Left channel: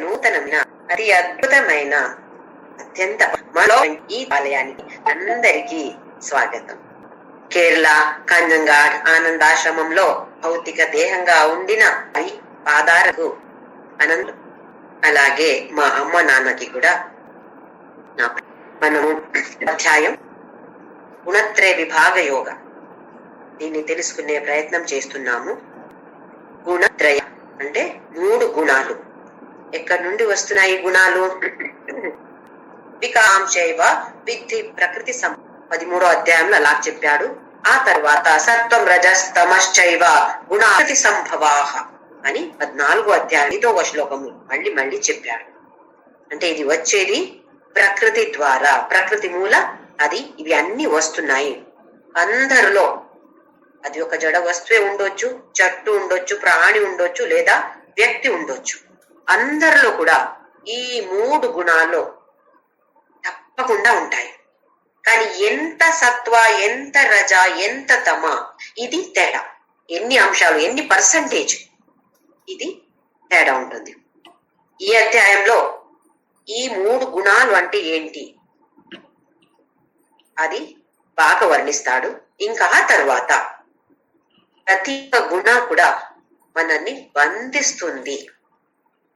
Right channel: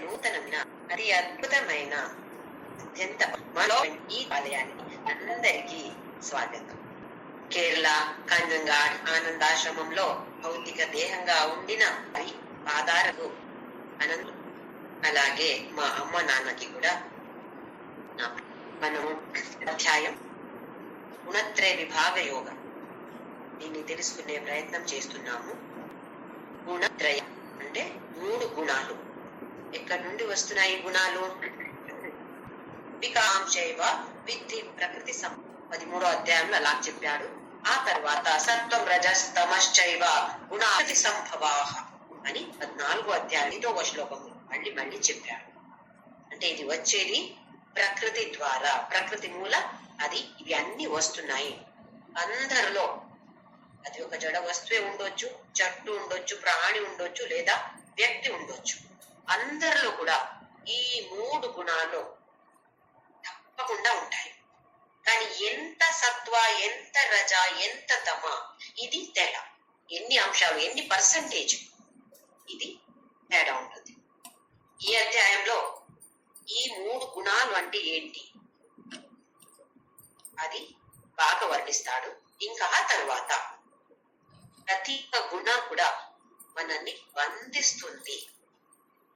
నూతనమైన అతి అద్భుతమైన అత్యంత మనలో ఈ ఆలయానికి అందరికీ స్వాగతం. కేరళ కంజంగాడ్ ఆనందాశ్రమంలో భౌతిక దేహంగా ఉండిన పాదాలకు అనంతం. అలాగే మా అమ్మ నాన్నకి కూడా మనము అధ్యాయం గుణత్రయ విభాగ యోగ దీన్ని తెలుసుకునే ప్రయత్నం చేస్తున్నాము. గుణత్రయ అంటే 3 గుణాలు. ఎక్కడి నుండి వస్తున్నాయి గుణాలు? వికాంశైవ విద్ధి ప్రకృతి 13వ అధ్యాయంలో అలా చెప్పాడు. ఆ తర్వాత సత్వం రజస్ తమశ్చైవ గుణాకృతి సంభవాహ అని 14వ అధ్యాయం 5వ శ్లోకము మళ్ళీ చెప్పాడు. అంటే ఇది వచ్చేది ప్రకృతి ద్వారా, ప్రకృతి మూల అది ఇవి అన్ని వస్తున్నాయి అందరిలో. అది ఒక జడ వస్తువే ఉండొచ్చు, చెట్టు ఉండొచ్చు, ప్రాణి ఉండొచ్చు, లేదా వ్యక్తి ఉండొచ్చు. అందరిలో కూడా ఈ 3 గుణాలు తప్పకుండా ఉంటాయి. కానీ ఎంత సత్వ, ఎంత రజ, ఎంత తమ, ఇది తేడా. ఎన్ని అంశాలు, ఎన్ని పర్సంటేజ్, ఇది తేడా ఉంటుంది. ఈ అధ్యాయంలో ఈ 3 గుణాలు అంటే ఏంటి అది బాగా వర్ణిస్తాడు. ఇంకా తర్వాత ప్రతి గుణ కూడా మనల్ని బంధిస్తుంది,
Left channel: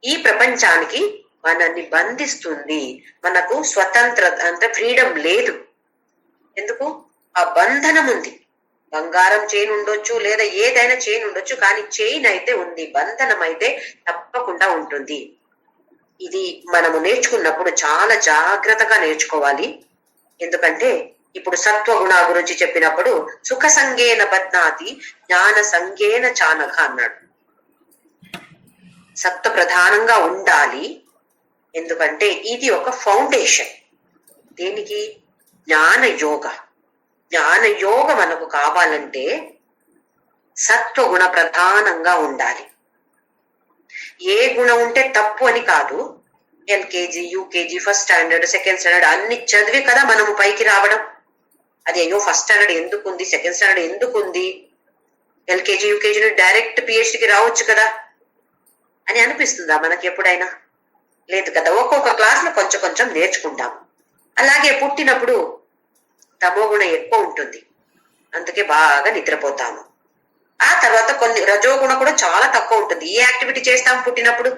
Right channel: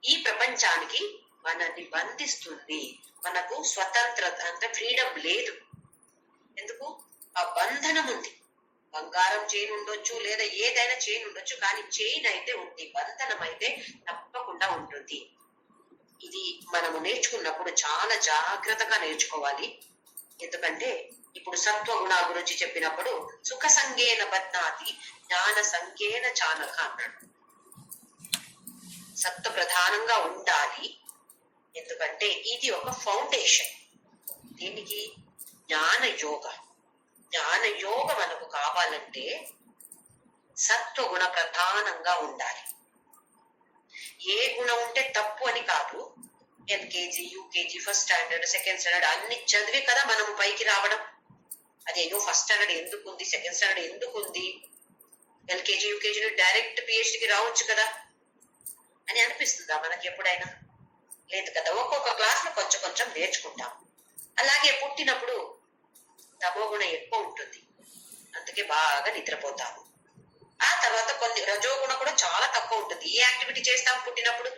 ఈ ప్రపంచానికి మనల్ని బంధిస్తుంది. మనకు స్వతంత్రత అంటే ఫ్రీడమ్ లేదు. ఎందుకు? ఆ బంధనం ఉంది. బంగారం చైన్ ఉండొచ్చు, లేదా ఏదైనా చైన్ ఉండొచ్చు, కానీ చైన్ అయితే ఉంది, బంధనం అయితే తప్పకుండా ఉంటుంది. ఇది మనము నేర్చుకున్నప్పుడు చాలా జాగ్రత్తగా నేర్చుకోవాలి. ఎందుకంటే ఇప్పుడు సత్వగుణ గురించి చెప్పినప్పుడు సుఖ సంగేన బధ్నాతి జ్ఞాన సంగేన చానక అన్నాడు. సత్వ ప్రధానంగా ఉండాలి. ఎందుకంటే ఇది ఒక ఫౌండేషన్. దీనికి జ్ఞాన యోగ. జ్ఞాన యోగ మనకు కావాలంటే సత్వగుణ ప్రధానంగా ఉండాలి. ఏ గుణం ఉంటే తప్పు అని కాదు. LKG, UKG, first standard, second standard అన్ని చదివి కదా మనము పైకి రావడం. అది అయ్యో ఫస్ట్ స్టాండర్డ్ ఎందుకు ఉంది, సెకండ్ స్టాండర్డ్ ఎందుకు ఉంది, ఎల్కేజీ యూకేజీ డైరెక్ట్ పిహెచ్డికి రావచ్చు కదా అని అనిపిస్తుందా మనకి ఎప్పుడైనా? లేదు కదా. ఒక్కొక్క క్లాస్ లో కొంచెం కొంచెం నేర్చుకుంటాం. అలాగే పుట్టినప్పుడు తమో గుణం ఎక్కువ ఉంటుంది, అందుకే బాగా నిద్రపోతాము. ఆ తర్వాత కొన్ని రజోగుణ కూడా చాలా తక్కువ ఉంటుంది. ఏ యాక్టివిటీ చేస్తాము పుట్టినప్పుడు?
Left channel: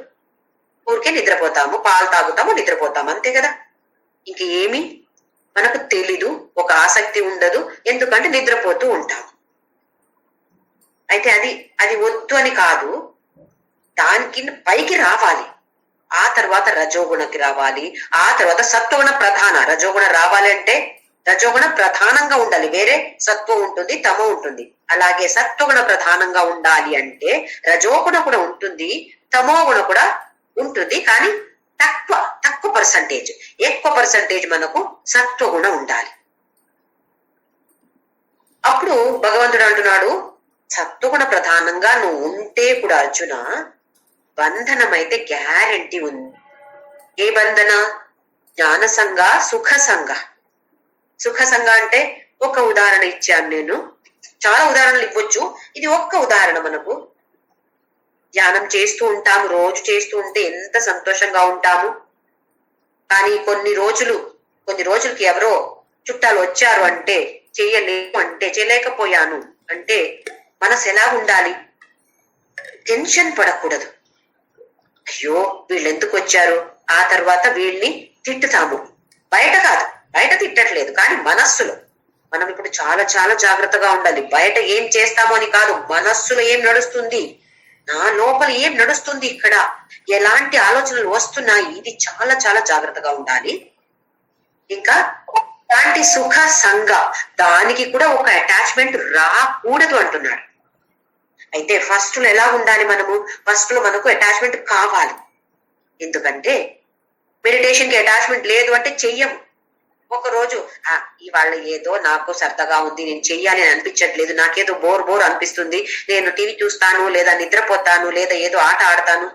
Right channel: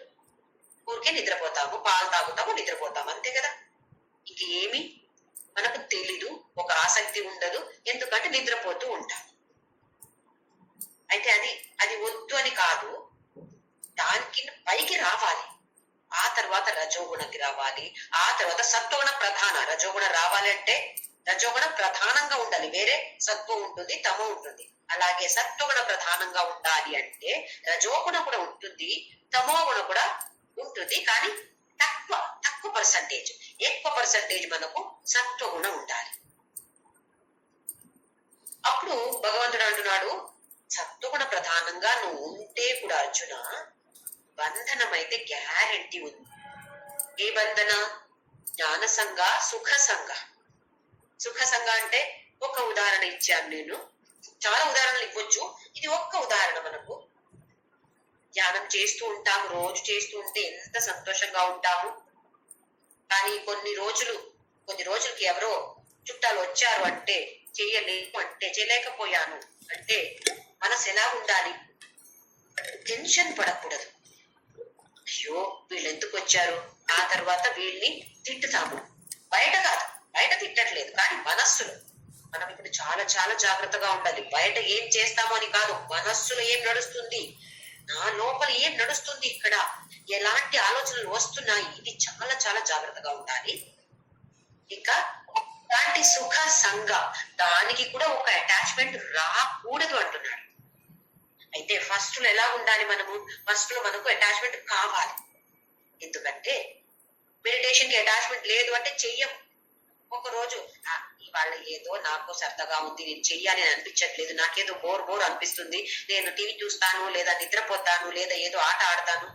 ఊరికే నిద్రపోతాము, పాలు తాగుతాము, నిద్రపోతాము, అంతే కదా. ఇంక ఏమి మనకు తెలీదు, ఒక ఆసక్తి ఉండదు, ఎందుకంటే నిద్రపోతూ ఉంటాము. అయితే అది వద్దు అని కాదు, దానికి పైకి రావాలి. ఆ తర్వాత రజోగుణకి రావాలి. ఆ తర్వాత సత్వగుణ ప్రధాన. రజోగుణ రావాలి అంటే రజోగుణ ప్రధానంగా ఉండాలి. వేరే సత్వం ఉంటుంది, తమో ఉంటుంది. అలాగే సత్వగుణ ప్రధానంగా ఉండాలి అంటే రజోగుణ కూడా ఉంటుంది, తమో గుణ కూడా ఉంటుంది, కానీ తక్కువ పర్సంటేజ్. ఎక్కువ పర్సంటేజ్ మనకు సత్వగుణ ఉండాలి. అప్పుడు భగవంతుడు అంటున్నాడు, సత్వగుణ ప్రధానంగా నువ్వు ఉంటే కూడా అర్జున బంధనం అయితే గ్యారంటీ ఉంది. ఏ బంధన? జ్ఞాన సంఘ, సుఖ సంఘ. సుఖ సంఘ అంటే ఒక ఉదాహరణ ఇచ్చాను నేను. చాలా ఉదాహరణలు ఇవ్వచ్చు, ఇది ఒక్క ఉదాహరణ. మనకు ధ్యానం చేస్తూ ఉంటాము, రోజు చేస్తూ ఉంటే ఎంత సంతోషంగా ఉంటాము. కానీ కొన్ని రోజులకి ఎవరో చుట్టాలు వచ్చారు అంటే చేయలేకపోయాను అంటే మనసు ఎలా ఉండాలి? టెన్షన్ పడకూడదు. అయ్యో వీళ్ళు ఎందుకు వచ్చారు, ఆ తర్వాత వీళ్ళని తిట్టుతాము. బయట కాదు, బయట తిట్టట్లేదు, కానీ మనస్సులో మనం ఇప్పుడు చాలా చాలా జాగ్రత్తగా ఉండాలి. బయట ఏం చేస్తామో అని కాదు, మనస్సులో ఏం నడుస్తుంది, నా లోపల ఏం నడుస్తుంది, ఇక్కడ ఎలాంటి ఆలోచనలు వస్తున్నాయి, ఇది చాలా చాలా జాగ్రత్తగా ఉండాలి. ఇంకా అలాంటి సుఖ సంఘ, దానికి కూడా ఒక అటాచ్మెంట్ రాకూడదు అంటున్నాడు. అయితే ఫస్ట్ లో ఎలా ఉండాలి? ఫస్ట్ లో మనకు అటాచ్మెంట్ కావాలి. ఎందుకంటే మెడిటేషన్ కి అటాచ్మెంట్ లేదు అంటే చెయ్యము. ఒక రోజు ఇవాళ ఏదో నాకు సరదాగా ఉంది, నేను చెయ్యాలి అని అనిపించట్లేదు, నాకేదో బోర్ అనిపిస్తుంది, నేను టీవీ చూస్తాను, లేదా నిద్రపోతాను, లేదా ఏదో ఆట ఆడతాను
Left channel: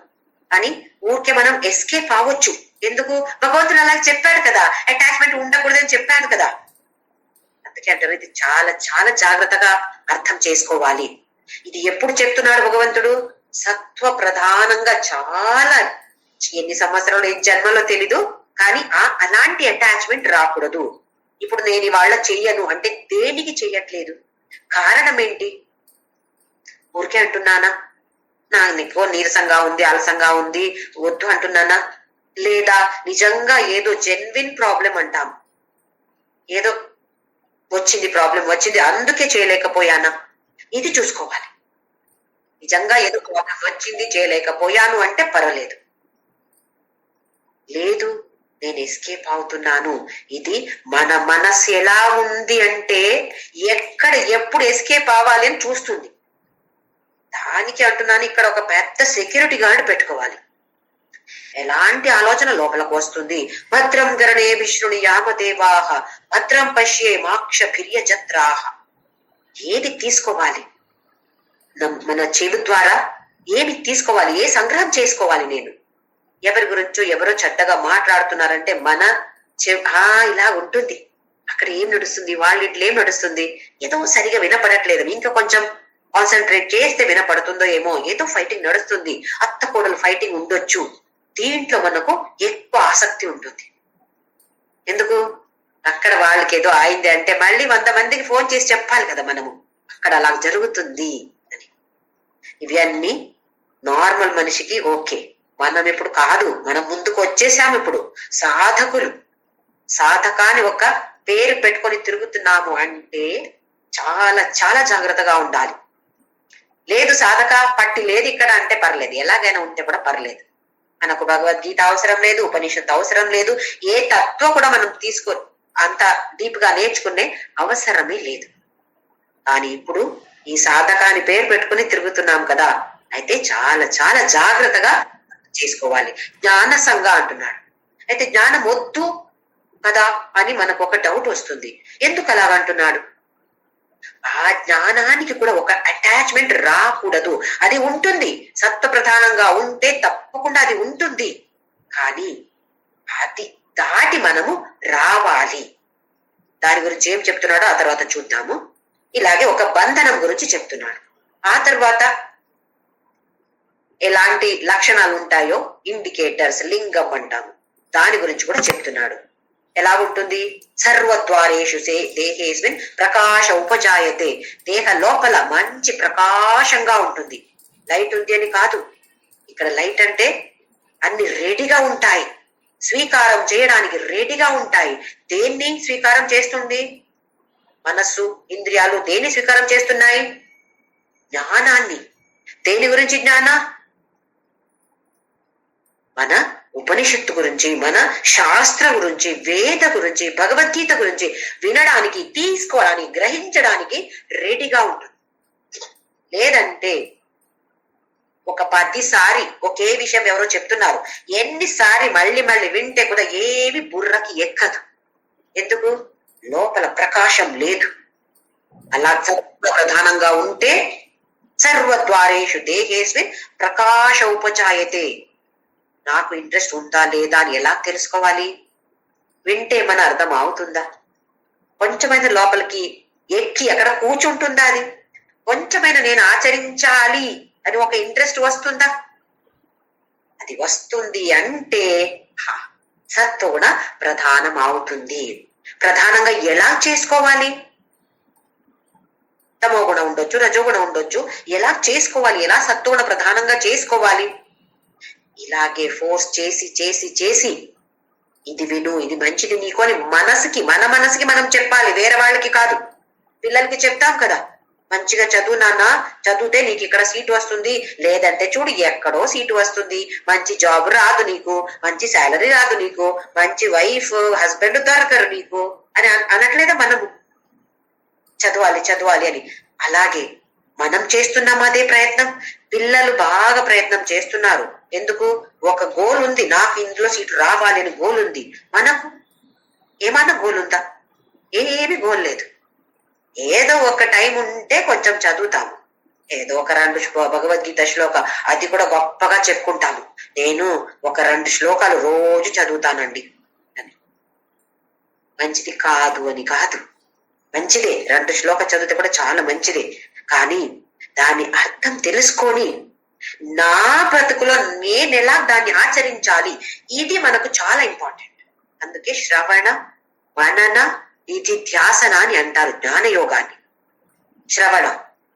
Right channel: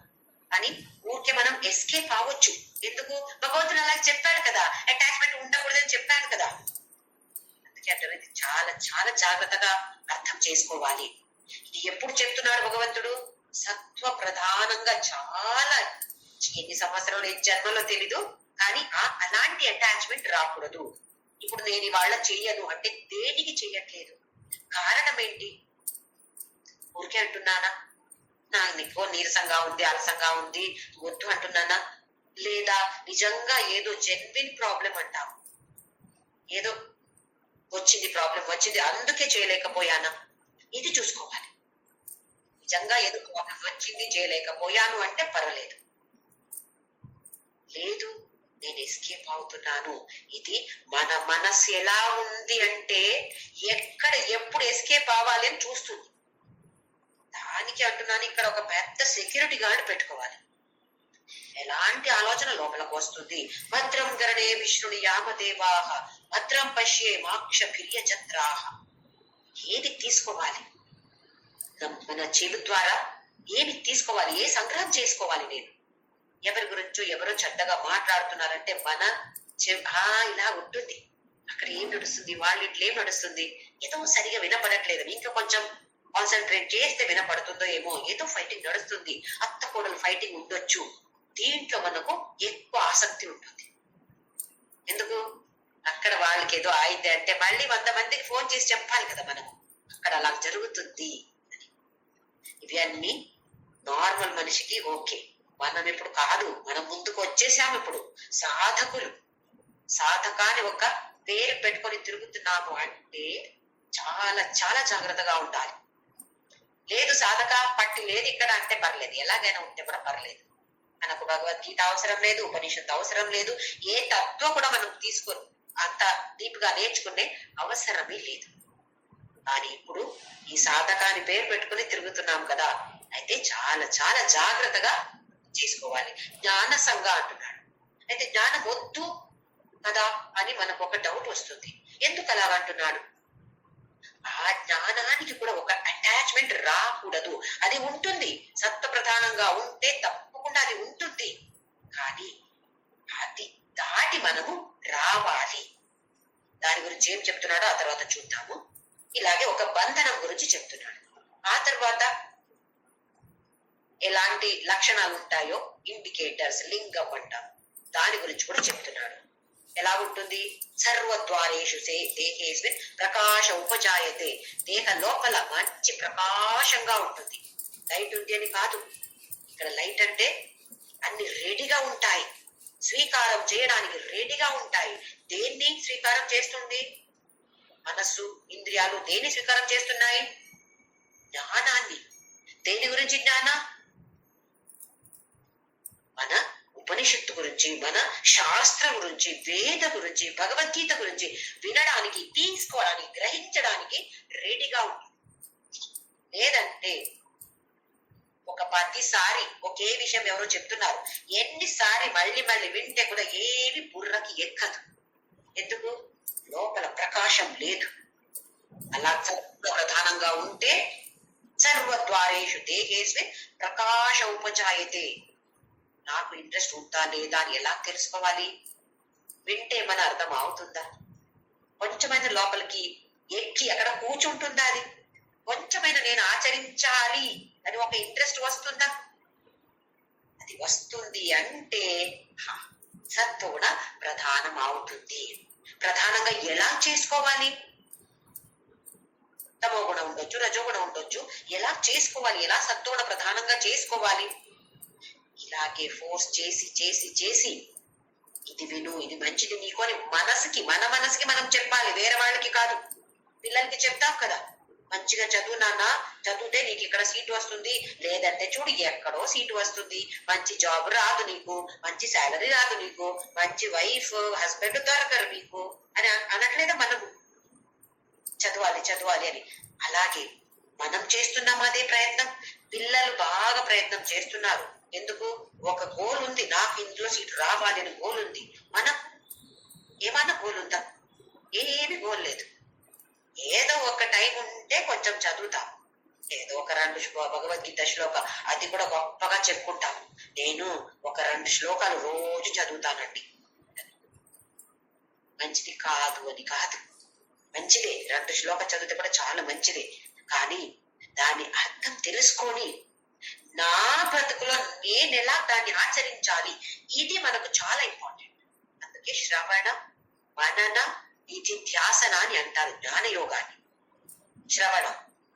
అని ఊరికే మనం ఎస్కేప్ అవ్వచ్చు. ఎందుకు? భగవంతుడు అలా చెప్పాడు కదా, అటాచ్మెంట్ ఉండకూడదని చెప్పాడు కదా. అందుకే అంటారు ఇది చాలా చాలా జాగ్రత్తగా అర్థం చేసుకోవాలి. ఇది ఎప్పుడు చెప్తున్నాడు భగవంతుడు? సత్వ ప్రధానంగా చాలా, ఎన్ని సంవత్సరాలు ఈ జన్మలో తెలీదు, కానీ అలాంటి అటాచ్మెంట్ రాకూడదు. ఇప్పుడు నేను ఇవాళ చెయ్యను అంటే దేనికి చెయ్యట్లేదు, కారణం ఏంటి? ఊరికే అంటున్నానా, నాకు నీరసంగా ఉంది, అలసంగా ఉంది, వద్దు అంటున్నానా? లేదా నిజంగా ఏదో జెన్విన్ ప్రాబ్లం అంటాం, ఏదో వచ్చింది, ప్రాబ్లం వచ్చింది అందుకే చేయలేకపోయానా? ఇది చూసుకోవాలి. నిజంగా ఏదో ప్రాబ్లం వచ్చింది చేయలేకపోయాను అంటే పర్వాలేదు. లేదు, నేను ఎస్కేప్ అవుతున్నాను. ఇది మన మనస్సు ఎలా ఉంది అంటే ఎక్కడ ఎప్పుడు ఎస్కేప్ అవ్వాలి అని చూస్తుంది. దానికి అంటున్నాను, ఇక్కడ ఒక పెద్ద సెక్యూరిటీ గార్డ్ పెట్టుకోవాలి. ఎలాంటి ఆలోచన లోపలికి వస్తుంది? భద్రం గరణే విష్ణుని యామదేవాహ భద్రం పశ్యే మాక్ష భిర్యజత్రాహ. ఏది తీసుకోవాలి? మన చెవి ద్వారా ఏమి తీసుకోవాలి? ఏ సంగ్రహం చేసుకోవాలి? నేను ఎవరి గురించో ఎవరో చెడ్డగా మాట్లాడుతున్నారంటే మన ఇలా ఉంటుంది. అక్కడ ఏం నడుస్తుంది, వాళ్ళ ఇంట్లో ఏం నడుస్తుంది, ఏదో సరిగా వినపడట్లేదు, ఇంకా కొంచెం కాన్సన్ట్రేట్ చేస్తే వినపడుతుందో ఏమో, ఏదో ఫైటింగ్ నడుస్తుంది, అత్త కోడలు ఫైటింగ్ ఉండొచ్చు. దీంట్లో మనకు ఎక్కువ ఆసక్తి ఉంటుంది. ఎందుకు? అక్కడ వాళ్ళకి ఏదో అయింది అంటే మళ్ళీ 100 మందికి ఫోన్ చేసి చెప్పాలి కదా మనము, అక్కడ అలా జరుగుతుంది అని. ఇవన్నీ నార్మల్ మనిషికి ఓకే, మనం ఇప్పుడు కాదు, మనం ముందుకు వచ్చేసాము. ఇప్పుడు సాధకులు, సాధకాన్ని ఒక పేరు పెట్టుకొని తిరుగుతున్నాము అంటే చాలా చాలా జాగ్రత్తగా ఉండాలి. లేదు సాధక పట్టి లేదు ఇక్కడ అంటే పర్లేదు, ఎలాగైనా ఉంటే కూడా పర్లేదు. మనకు భగవద్గీత అవసరం లేదు, ఉపనిషత్తు అవసరం లేదు, ఏ తత్వం కూడా మనం తీసుకో అంత డీప్ గా నేర్చుకునే అవసరమే లేదు. కానీ ఇప్పుడు ఈ సాధకాన్ని పేరు పెట్టుకుని తిరుగుతున్నాం కదా, అయితే చాలా చాలా జాగ్రత్తగా చేసుకోవాలి. జ్ఞాన సంఘ అంటున్నాడు. అయితే జ్ఞానం వద్దు కదా అని మనకు ఒక డౌట్ వస్తుంది. ఎందుకు అలాగంటున్నాడు? ఆ జ్ఞానానికి కూడా ఒక అటాచ్మెంట్ రాకూడదు. అది ఉంటుంది, సత్వ ప్రధానంగా ఉంటే తప్పకుండా అది ఉంటుంది. కానీ అది దాటి మనము రావాలి. దాని గురించి ఏం చెప్తున్నాడో ఆ తర్వాత చూద్దాము. ఇలాగే ఒక బంధనం గురించి చెప్తున్నాడు. ఆ తర్వాత ఎలాంటి లక్షణాలు ఉంటాయో ఇండికేటర్స్, లింగం అంటాము, దాని గురించి కూడా చెప్తున్నాడు. ఎలా ఉంటుంది? సర్వద్వారేషు దేహేస్మిన్ ప్రకాశ ఉపజాయతే. దేహ లోపల మంచి ప్రకాశంగా ఉంటుంది. లైట్ ఉంది అని కాదు, ఇక్కడ లైట్ అంటే అన్ని రెడీగా ఉంటాయి, స్వీకారం చేయడానికి రెడీగా ఉంటాయి. దేన్ని స్వీకారం చేస్తుంది? మనస్సు, ఇంద్రియాలు దేన్ని స్వీకారం చేస్తున్నాయి? జ్ఞానాన్ని. దేని గురించి జ్ఞాన? మన ఉపనిషత్తు గురించి, మన శాస్త్ర గురించి, వేద గురించి, భగవద్గీత గురించి వినడానికి, తీసుకోవడానికి, గ్రహించడానికి రెడీగా ఉంటుంది. లేదంటే ఒక 10 సారి ఒకే విషయం ఎవరో చెప్తున్నారు, ఎన్నిసారి మళ్ళీ మళ్ళీ వింటే కూడా ఏమి బుర్రకి ఎక్కదు. ఎందుకు? లోపల ప్రకాశం లేదు. అలా ప్రధానంగా ఉంటే సర్వద్వారేషు దేహేస్మిన్ ప్రకాశ ఉపజాయతే. నాకు ఇంట్రెస్ట్ ఉందా లేదా అని ఎలా తెలుసుకోవాలి? వింటే మన అర్థం అవుతుందా? కొంచెమైనా లోపలికి ఎక్కి అక్కడ కూర్చుంటుందా? అది కొంచెమైనా నేను ఆచరించాలి అని ఒక ఇంట్రెస్ట్ వస్తుందా? అది వస్తుంది అంటే సత్వగుణ ప్రధానం అవుతుంది. ప్రధానంగా ఎలా చేసుకోవాలి? తమో గుణం ఉండొచ్చు, రజోగుణం ఉండొచ్చు. ఎలా చేసుకోవాలి? ఎలా సత్వగుణ ప్రధానంగా చేసుకోవాలి? ఇలాగే ఫోర్స్ చేసి చేసి చేసి ఇది విను, ఇది మంచిది నీకు అని మన మనసుకి మనం చెప్పాలి, వేరే వాళ్ళకి కాదు. పిల్లలకి చెప్తాం కదా, మంచిగా చదువు నాన్న, చదివితే నీకు ఇక్కడ సీటు వస్తుంది, లేదంటే చూడు ఎక్కడో సీటు వస్తుంది, మంచి జాబ్ రాదు నీకు, మంచి శాలరీ రాదు నీకు, మంచి వైఫ్ హస్బెండ్ దొరకరు నీకు అని అనట్లేదా మనము? చదవాలి చదవాలి అని. అలాగే మనం చేస్తున్నాం అదే ప్రయత్నం. పిల్లలు బాగా ప్రయత్నం చేస్తున్నారు. ఎందుకు? ఒక గోల్ ఉంది, నాకు ఇందులో సీటు రావాలి అని గోల్ ఉంది. మనకు ఏమన్నా గోల్ ఉందా? ఏమి గోల్ లేదు. ఏదో ఒక టైం ఉంటే కొంచెం చదువుతాము, ఏదో ఒక 2 భగవద్గీత శ్లోక, అది కూడా గొప్పగా చెప్పుకుంటాము, నేను ఒక 2 శ్లోకాలు రోజు చదువుతానండి అని. మంచిది కాదు అని కాదు, మంచిదే, 2 శ్లోక చదివితే కూడా చాలా మంచిదే. కానీ దాని అర్థం తెలుసుకొని నా బ్రతుకులో నేను ఎలా దాన్ని ఆచరించాలి, ఇది మనకు చాలా ఇంపార్టెంట్. అందుకే శ్రవణ మనన నిధిధ్యాసన అని అంటారు జ్ఞానయోగాన్ని. శ్రవణం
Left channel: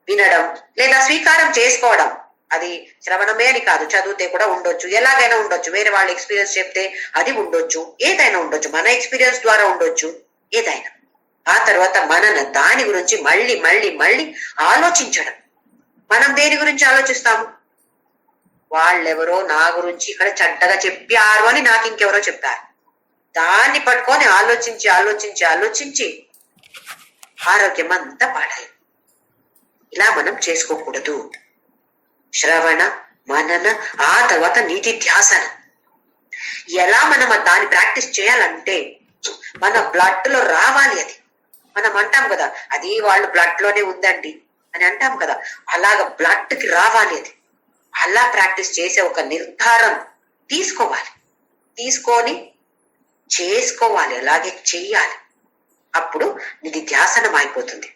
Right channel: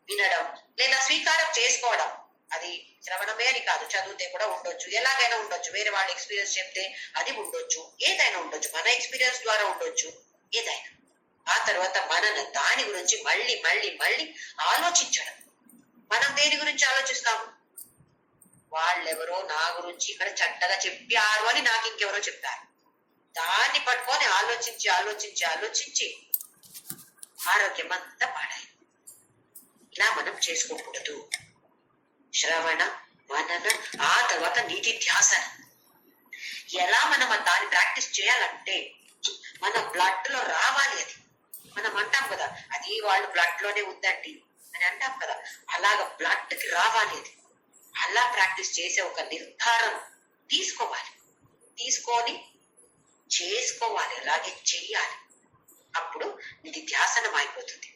వినడం లేదా స్వీకారం చేసుకోవడం, అది శ్రవణమే అని కాదు, చదివితే కూడా ఉండొచ్చు, ఎలాగైనా ఉండొచ్చు, వేరే వాళ్ళ ఎక్స్పీరియన్స్ చెప్తే అది ఉండొచ్చు, ఏదైనా ఉండొచ్చు, మన ఎక్స్పీరియన్స్ ద్వారా ఉండొచ్చు, ఏదైనా. ఆ తర్వాత మనన, దాని గురించి మళ్ళీ మళ్ళీ మళ్ళీ ఆలోచించడం. మనం దేని గురించి ఆలోచిస్తాము? వాళ్ళెవరో నా గురించి ఇక్కడ చెడ్డగా చెప్పారు అని నాకు ఇంకెవరో చెప్పారు. దాన్ని పట్టుకొని ఆలోచించి ఆలోచించి ఆలోచించి ఆరోగ్యం అంతా పాడాలి. ఇలా మనం చేసుకోకూడదు. శ్రవణ మనన, ఆ తర్వాత నిధిధ్యాసన. ఎలా మనం దాన్ని ప్రాక్టీస్ చేయాలంటే మన బ్లడ్ లో రావాలి అది. మనం అంటాం కదా, అది వాళ్ళు బ్లడ్ లోనే ఉందండి అని అంటాం కదా, అలాగ బ్లడ్ కి రావాలి అది. అలా ప్రాక్టీస్ చేసే ఒక నిర్ధారం తీసుకోవాలి, తీసుకొని చేసుకోవాలి, అలాగే చెయ్యాలి. అప్పుడు నిధిధ్యాసనం అయిపోతుంది.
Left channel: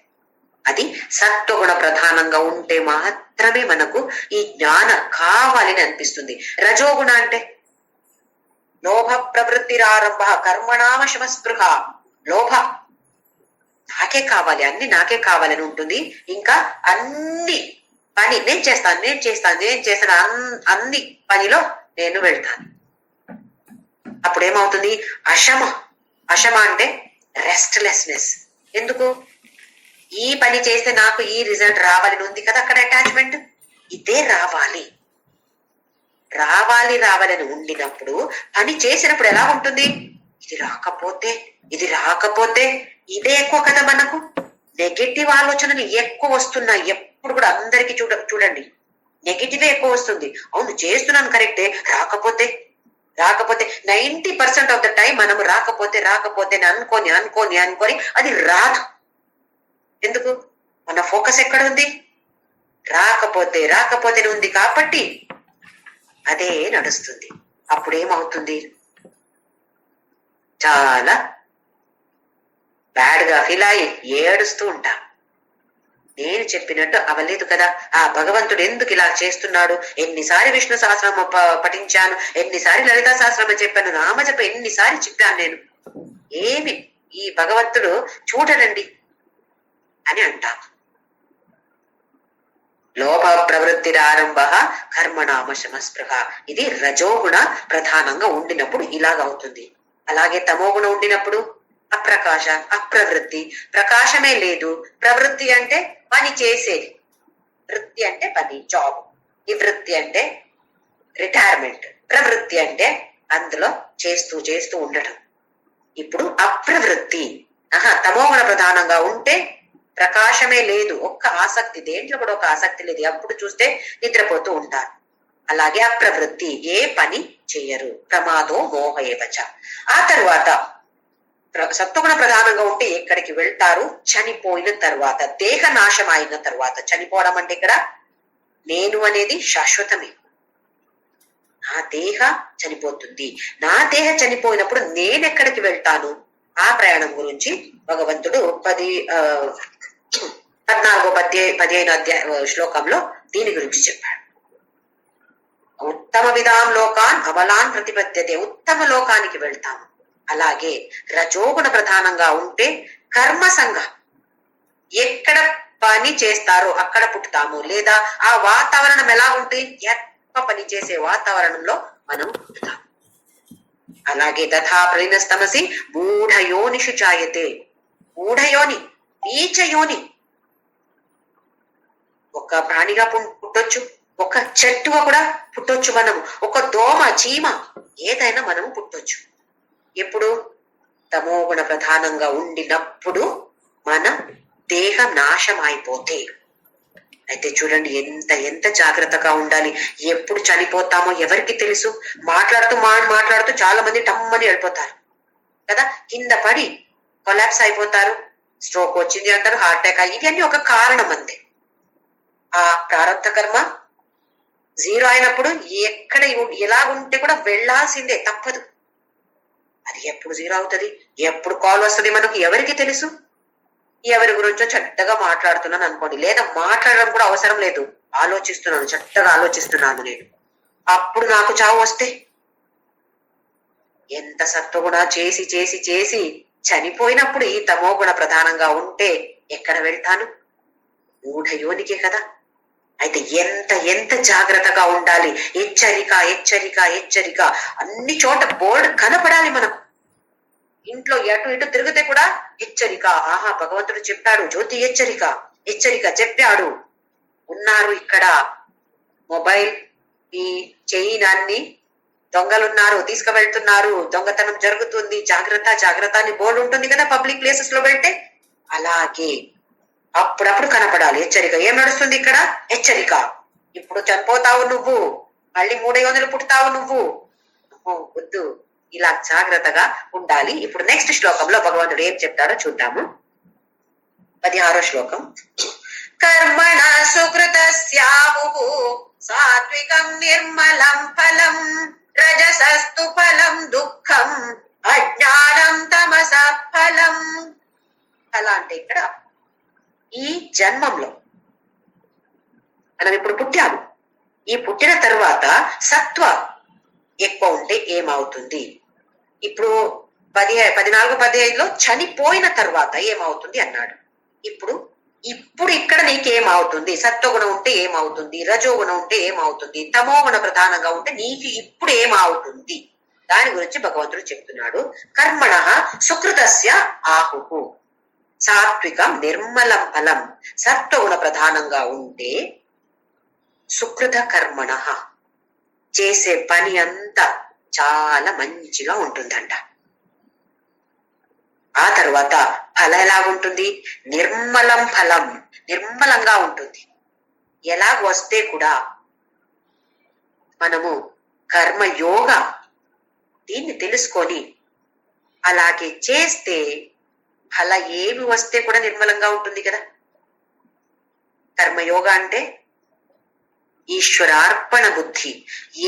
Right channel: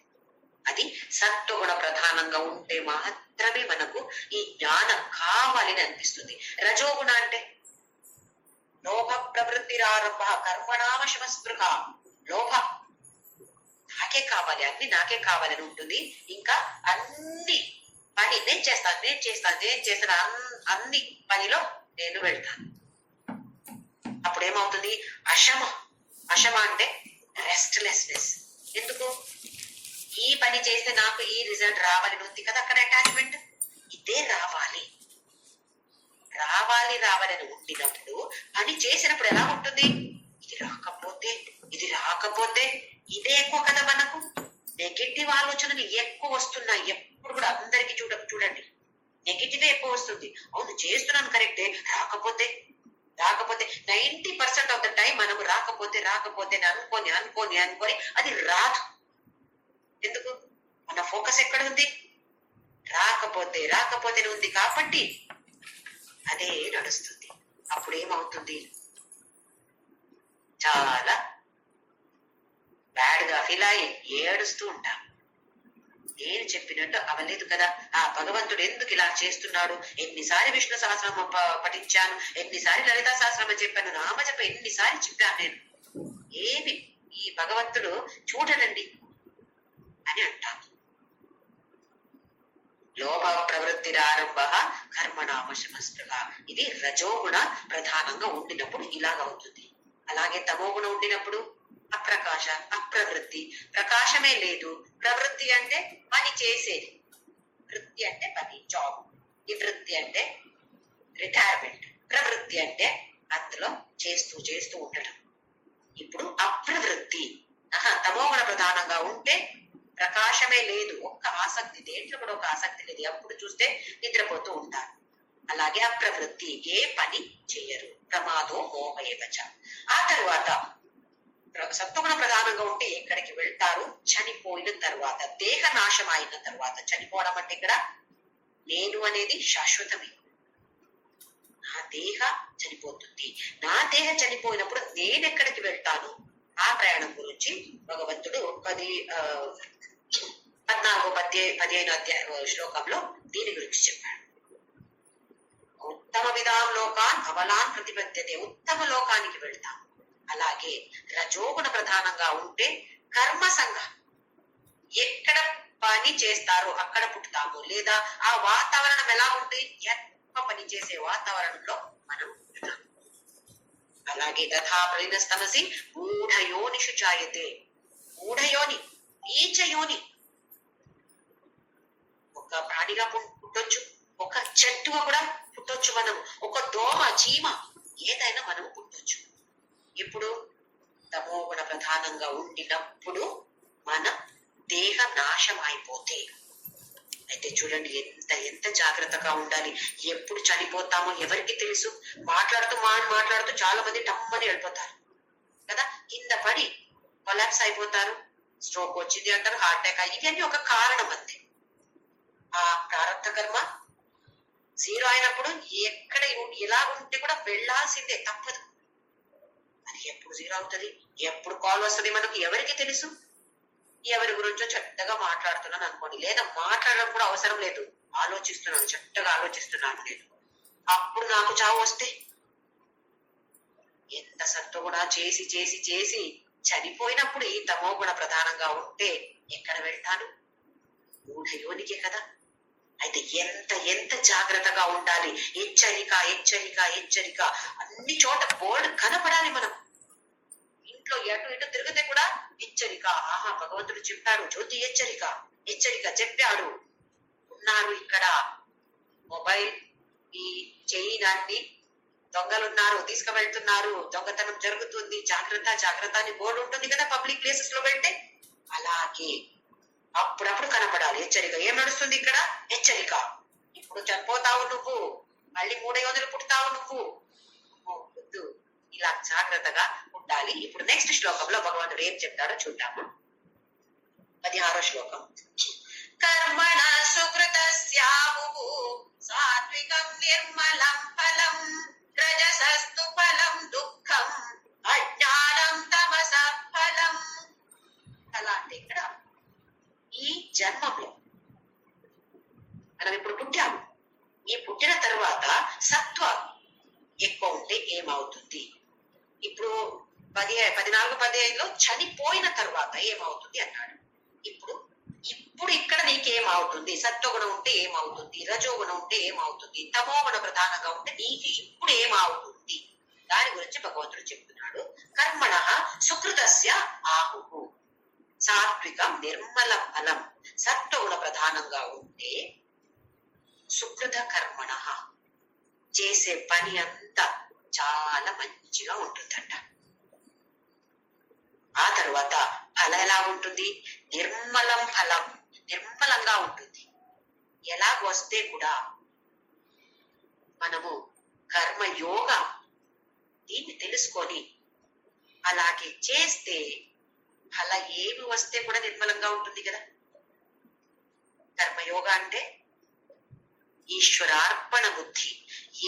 అది సత్వగుణ ప్రధానంగా ఉంటే మాత్రమే మనకు ఈ జ్ఞానం కావాలని అనిపిస్తుంది. రజోగుణ అంటే లోభ ప్రవృత్తిరారంభ కర్మణామశమ స్పృహ. లోభ, నాకే కావాలి, అన్ని నాకే కావాలని ఉంటుంది. ఇంకా అన్ని పని నేను చేస్తాను, అన్ని పనిలో నేను వెళ్తాను. అప్పుడేమవుతుంది? అశమ. అశమ అంటే రెస్ట్లెస్నెస్. ఎందుకు? ఈ పని చేస్తే నాకు ఈ రిజల్ట్ రావాలని ఉంది కదా, అక్కడ అటాచ్మెంట్. ఇదే రావాలి రావాలి రావాలని ఉండినప్పుడు పని చేసినప్పుడు ఎలా ఉంటుంది? ఇది రాకపోతే ఇదే ఎక్కువ కదా మనకు. నెగటివ్ ఆలోచనలు ఎక్కువ వస్తున్నాయి ఎప్పుడు కూడా. అందరికి చూడండి, నెగటివ్ ఎక్కువ వస్తుంది. అవును చేస్తున్నాను కరెక్టే, రాకపోతే 90% ఆఫ్ ద టైం మనము రాకపోతే అనుకోని అది రాదు. ఎందుకు? మన ఫోకస్ ఎక్కడ ఉంది? రాకపోతే ఉంది కాబట్టి అదే నడుస్తుంది. అప్పుడేమవుతుంది? చాలా బ్యాడ్ గా ఫీల్ అయ్యి ఏడుస్తూ ఉంటాం. నేను చెప్పినట్టు అవ్వలేదు కదా, ఆ భగవంతుడు ఎందుకు ఇలా చేస్తున్నాడు? ఎన్నిసారి విష్ణు సహస్రనామ పఠించాను, ఎన్నిసారి లలితా సహస్రనామ చెప్పాను, నామజప ఎన్నిసారి చెప్పాను నేను, ఏమి ఈ భగవంతుడు చూడడండి అని అంటాం. లోభ ప్రవృత్తిరారంభ కర్మణామశమ స్పృహ. ఇది రజోగుణ ప్రధానంగా ఉండినప్పుడు ఇలాగవుతుంది. అలాగే తమోగుణ ఉండినప్పుడు అప్రకాశ, అప్రవృత్తి. ప్రకాశమే లేదు. ప్రవృత్తి అంటే పని చేసేది, వృత్తి అంటే పని, జాబ్. నివృత్తి అంటే రిటైర్మెంట్. ప్రవృత్తి అంటే అందులో చేస్తూ ఉండటం. ఇప్పుడు అప్రవృత్తి, తమోగుణ ప్రధానంగా ఉంటే ప్రకాశమే లేదు, ఒక్క ఆసక్తి, దేంట్లో కూడా ఒక ఆసక్తి లేదు, అప్పుడు చూస్తే నిద్రపోతూ ఉంటారు. అలాగే అప్రవృత్తి, ఏ పని చెయ్యరు. ప్రమాదో మోహయేవచ. ఆ తర్వాత సత్వగుణ ప్రధానంగా ఉంటే ఎక్కడికి వెళ్తారు? చనిపోయిన తర్వాత, దేహ నాశం అయిన తర్వాత. చనిపోవడం అంటే ఇక్కడ నేను అనేది శాశ్వతమే. నా దేహ చనిపోతుంది. నా దేహ చనిపోయినప్పుడు నేను ఎక్కడికి వెళ్తాను? ఆ ప్రయాణం గురించి భగవంతుడు 14-15 శ్లోకంలో దీని గురించి చెప్పాడు. ఉత్తమ విధాం లోకాన్ అమలాన్ ప్రతిపద్యతే. ఉత్తమ లోకానికి వెళ్తాము. అలాగే రజోగుణ ప్రధానంగా ఉంటే కర్మ సంఘం, ఎక్కడ పని చేస్తారో అక్కడ పుట్టుతాము. లేదా ఆ వాతావరణం ఎలా ఉంటుంది? ఎక్కువ పని చేసే వాతావరణంలో మనం పుట్టుతాము. అలాగే తథా ప్రలీనస్తమసి మూఢయోనిషు జాయతే. మూఢయోని, నీచయోని. ఒక ప్రాణిగా పుట్టొచ్చు, ఒక చెట్టుగా కూడా పుట్టొచ్చు మనము, ఒక దోమ, చీమ, ఏదైనా మనము పుట్టొచ్చు. ఎప్పుడు? తమోగుణ ప్రధానంగా ఉండినప్పుడు, మన దేహం నాశం అయిపోతే. అయితే చూడండి ఎంత జాగ్రత్తగా ఉండాలి. ఎప్పుడు చనిపోతామో ఎవరికి తెలుసు? మాట్లాడుతూ చాలా మంది టమ్మని వెళ్ళిపోతారు కదా, కింద పడి కొలాప్స్ అయిపోతారు. స్ట్రోక్ వచ్చింది అంటారు, హార్ట్ అటాక్. ఇవన్నీ ఒక కారణం అంతే. ఆ ప్రారంభ కర్మ 0 అయినప్పుడు ఎక్కడ ఎలా ఉంటే కూడా వెళ్లాల్సిందే, తప్పదు. అది ఎప్పుడు 0 అవుతుంది, ఎప్పుడు కాల్ వస్తుంది మనకు ఎవరికి తెలుసు? ఎవరి గురించో చక్కగా మాట్లాడుతున్నాను అనుకోండి, లేదా మాట్లాడడం కూడా అవసరం లేదు, ఆలోచిస్తున్నాను, చక్కగా ఆలోచిస్తున్నాను నేను. అప్పుడు నాకు చావు వస్తే ఎంత సత్వగుణ చేసి చేసి చేసి చనిపోయినప్పుడు ఈ తమోగుణ ప్రధానంగా ఉంటే ఎక్కడ వెళ్తాను? మూఢయోనికే కదా. అయితే ఎంత ఎంత జాగ్రత్తగా ఉండాలి. హెచ్చరిక హెచ్చరిక హెచ్చరిక. అన్ని చోట బోర్డు కనపడాలి మనకు. ఇంట్లో ఎటు ఇటు తిరిగితే కూడా హెచ్చరిక. ఆహా, భగవంతుడు చెప్పాడు, జ్యోతి హెచ్చరిక, హెచ్చరిక చెప్పాడు. ఉన్నారు ఇక్కడ మొబైల్ ఈ చైనాన్ని దొంగలున్నారు, తీసుకువెళ్తున్నారు, దొంగతనం జరుగుతుంది, జాగ్రత్త జాగ్రత్త అని బోర్డు ఉంటుంది కదా పబ్లిక్ ప్లేసెస్ లో వెళ్తే. అలాగే అప్పుడప్పుడు కనపడాలి హెచ్చరిక. ఏం నడుస్తుంది ఇక్కడ? హెచ్చరిక. ఇప్పుడు చనిపోతావు నువ్వు, మళ్ళీ 300 పుడతావు నువ్వు, వద్దు. ఇలా జాగ్రత్తగా ఉండాలి. ఇప్పుడు నెక్స్ట్ శ్లోకంలో భగవంతుడు ఏం చెప్తాడో చూద్దాము. 16వ శ్లోకం. కర్మణ సుకృతస్యాహు సాత్వికం నిర్మలం ఫలం రజసస్తు ఫలం దుఃఖం అజ్ఞానం తమస ఫలం. అలా అంటే ఇక్కడ ఈ జన్మంలో మనం ఇప్పుడు పుట్టాము. ఈ పుట్టిన తర్వాత సత్వ ఎక్కువ ఉంటే ఏమవుతుంది? ఇప్పుడు 14-15లో చనిపోయిన తర్వాత ఏమవుతుంది అన్నాడు. ఇప్పుడు ఇక్కడ నీకేమవుతుంది? సత్వగుణం ఉంటే ఏమవుతుంది? రజోగుణం ఉంటే ఏమవుతుంది? తమోగుణ ప్రధానంగా ఉంటే నీకు ఇప్పుడు ఏమవుతుంది? దాని గురించి భగవంతుడు చెప్తున్నాడు. కర్మణ సుకృతస్య ఆహుః సాత్వికం నిర్మలం ఫలం. సత్వగుణ ప్రధానంగా ఉంటే సుకృత కర్మణ, చేసే పని అంతా చాలా మంచిగా ఉంటుందంట. ఆ తర్వాత ఫలం ఎలాగుంటుంది? నిర్మలం ఫలం, నిర్మలంగా ఉంటుంది. ఎలాగ వస్తే కూడా మనము కర్మయోగ దీన్ని తెలుసుకొని అలాగే చేస్తే ఫల ఏమి వస్తే కూడా నిర్మలంగా ఉంటుంది కదా. కర్మయోగ అంటే ఈశ్వరార్పణ బుద్ధి.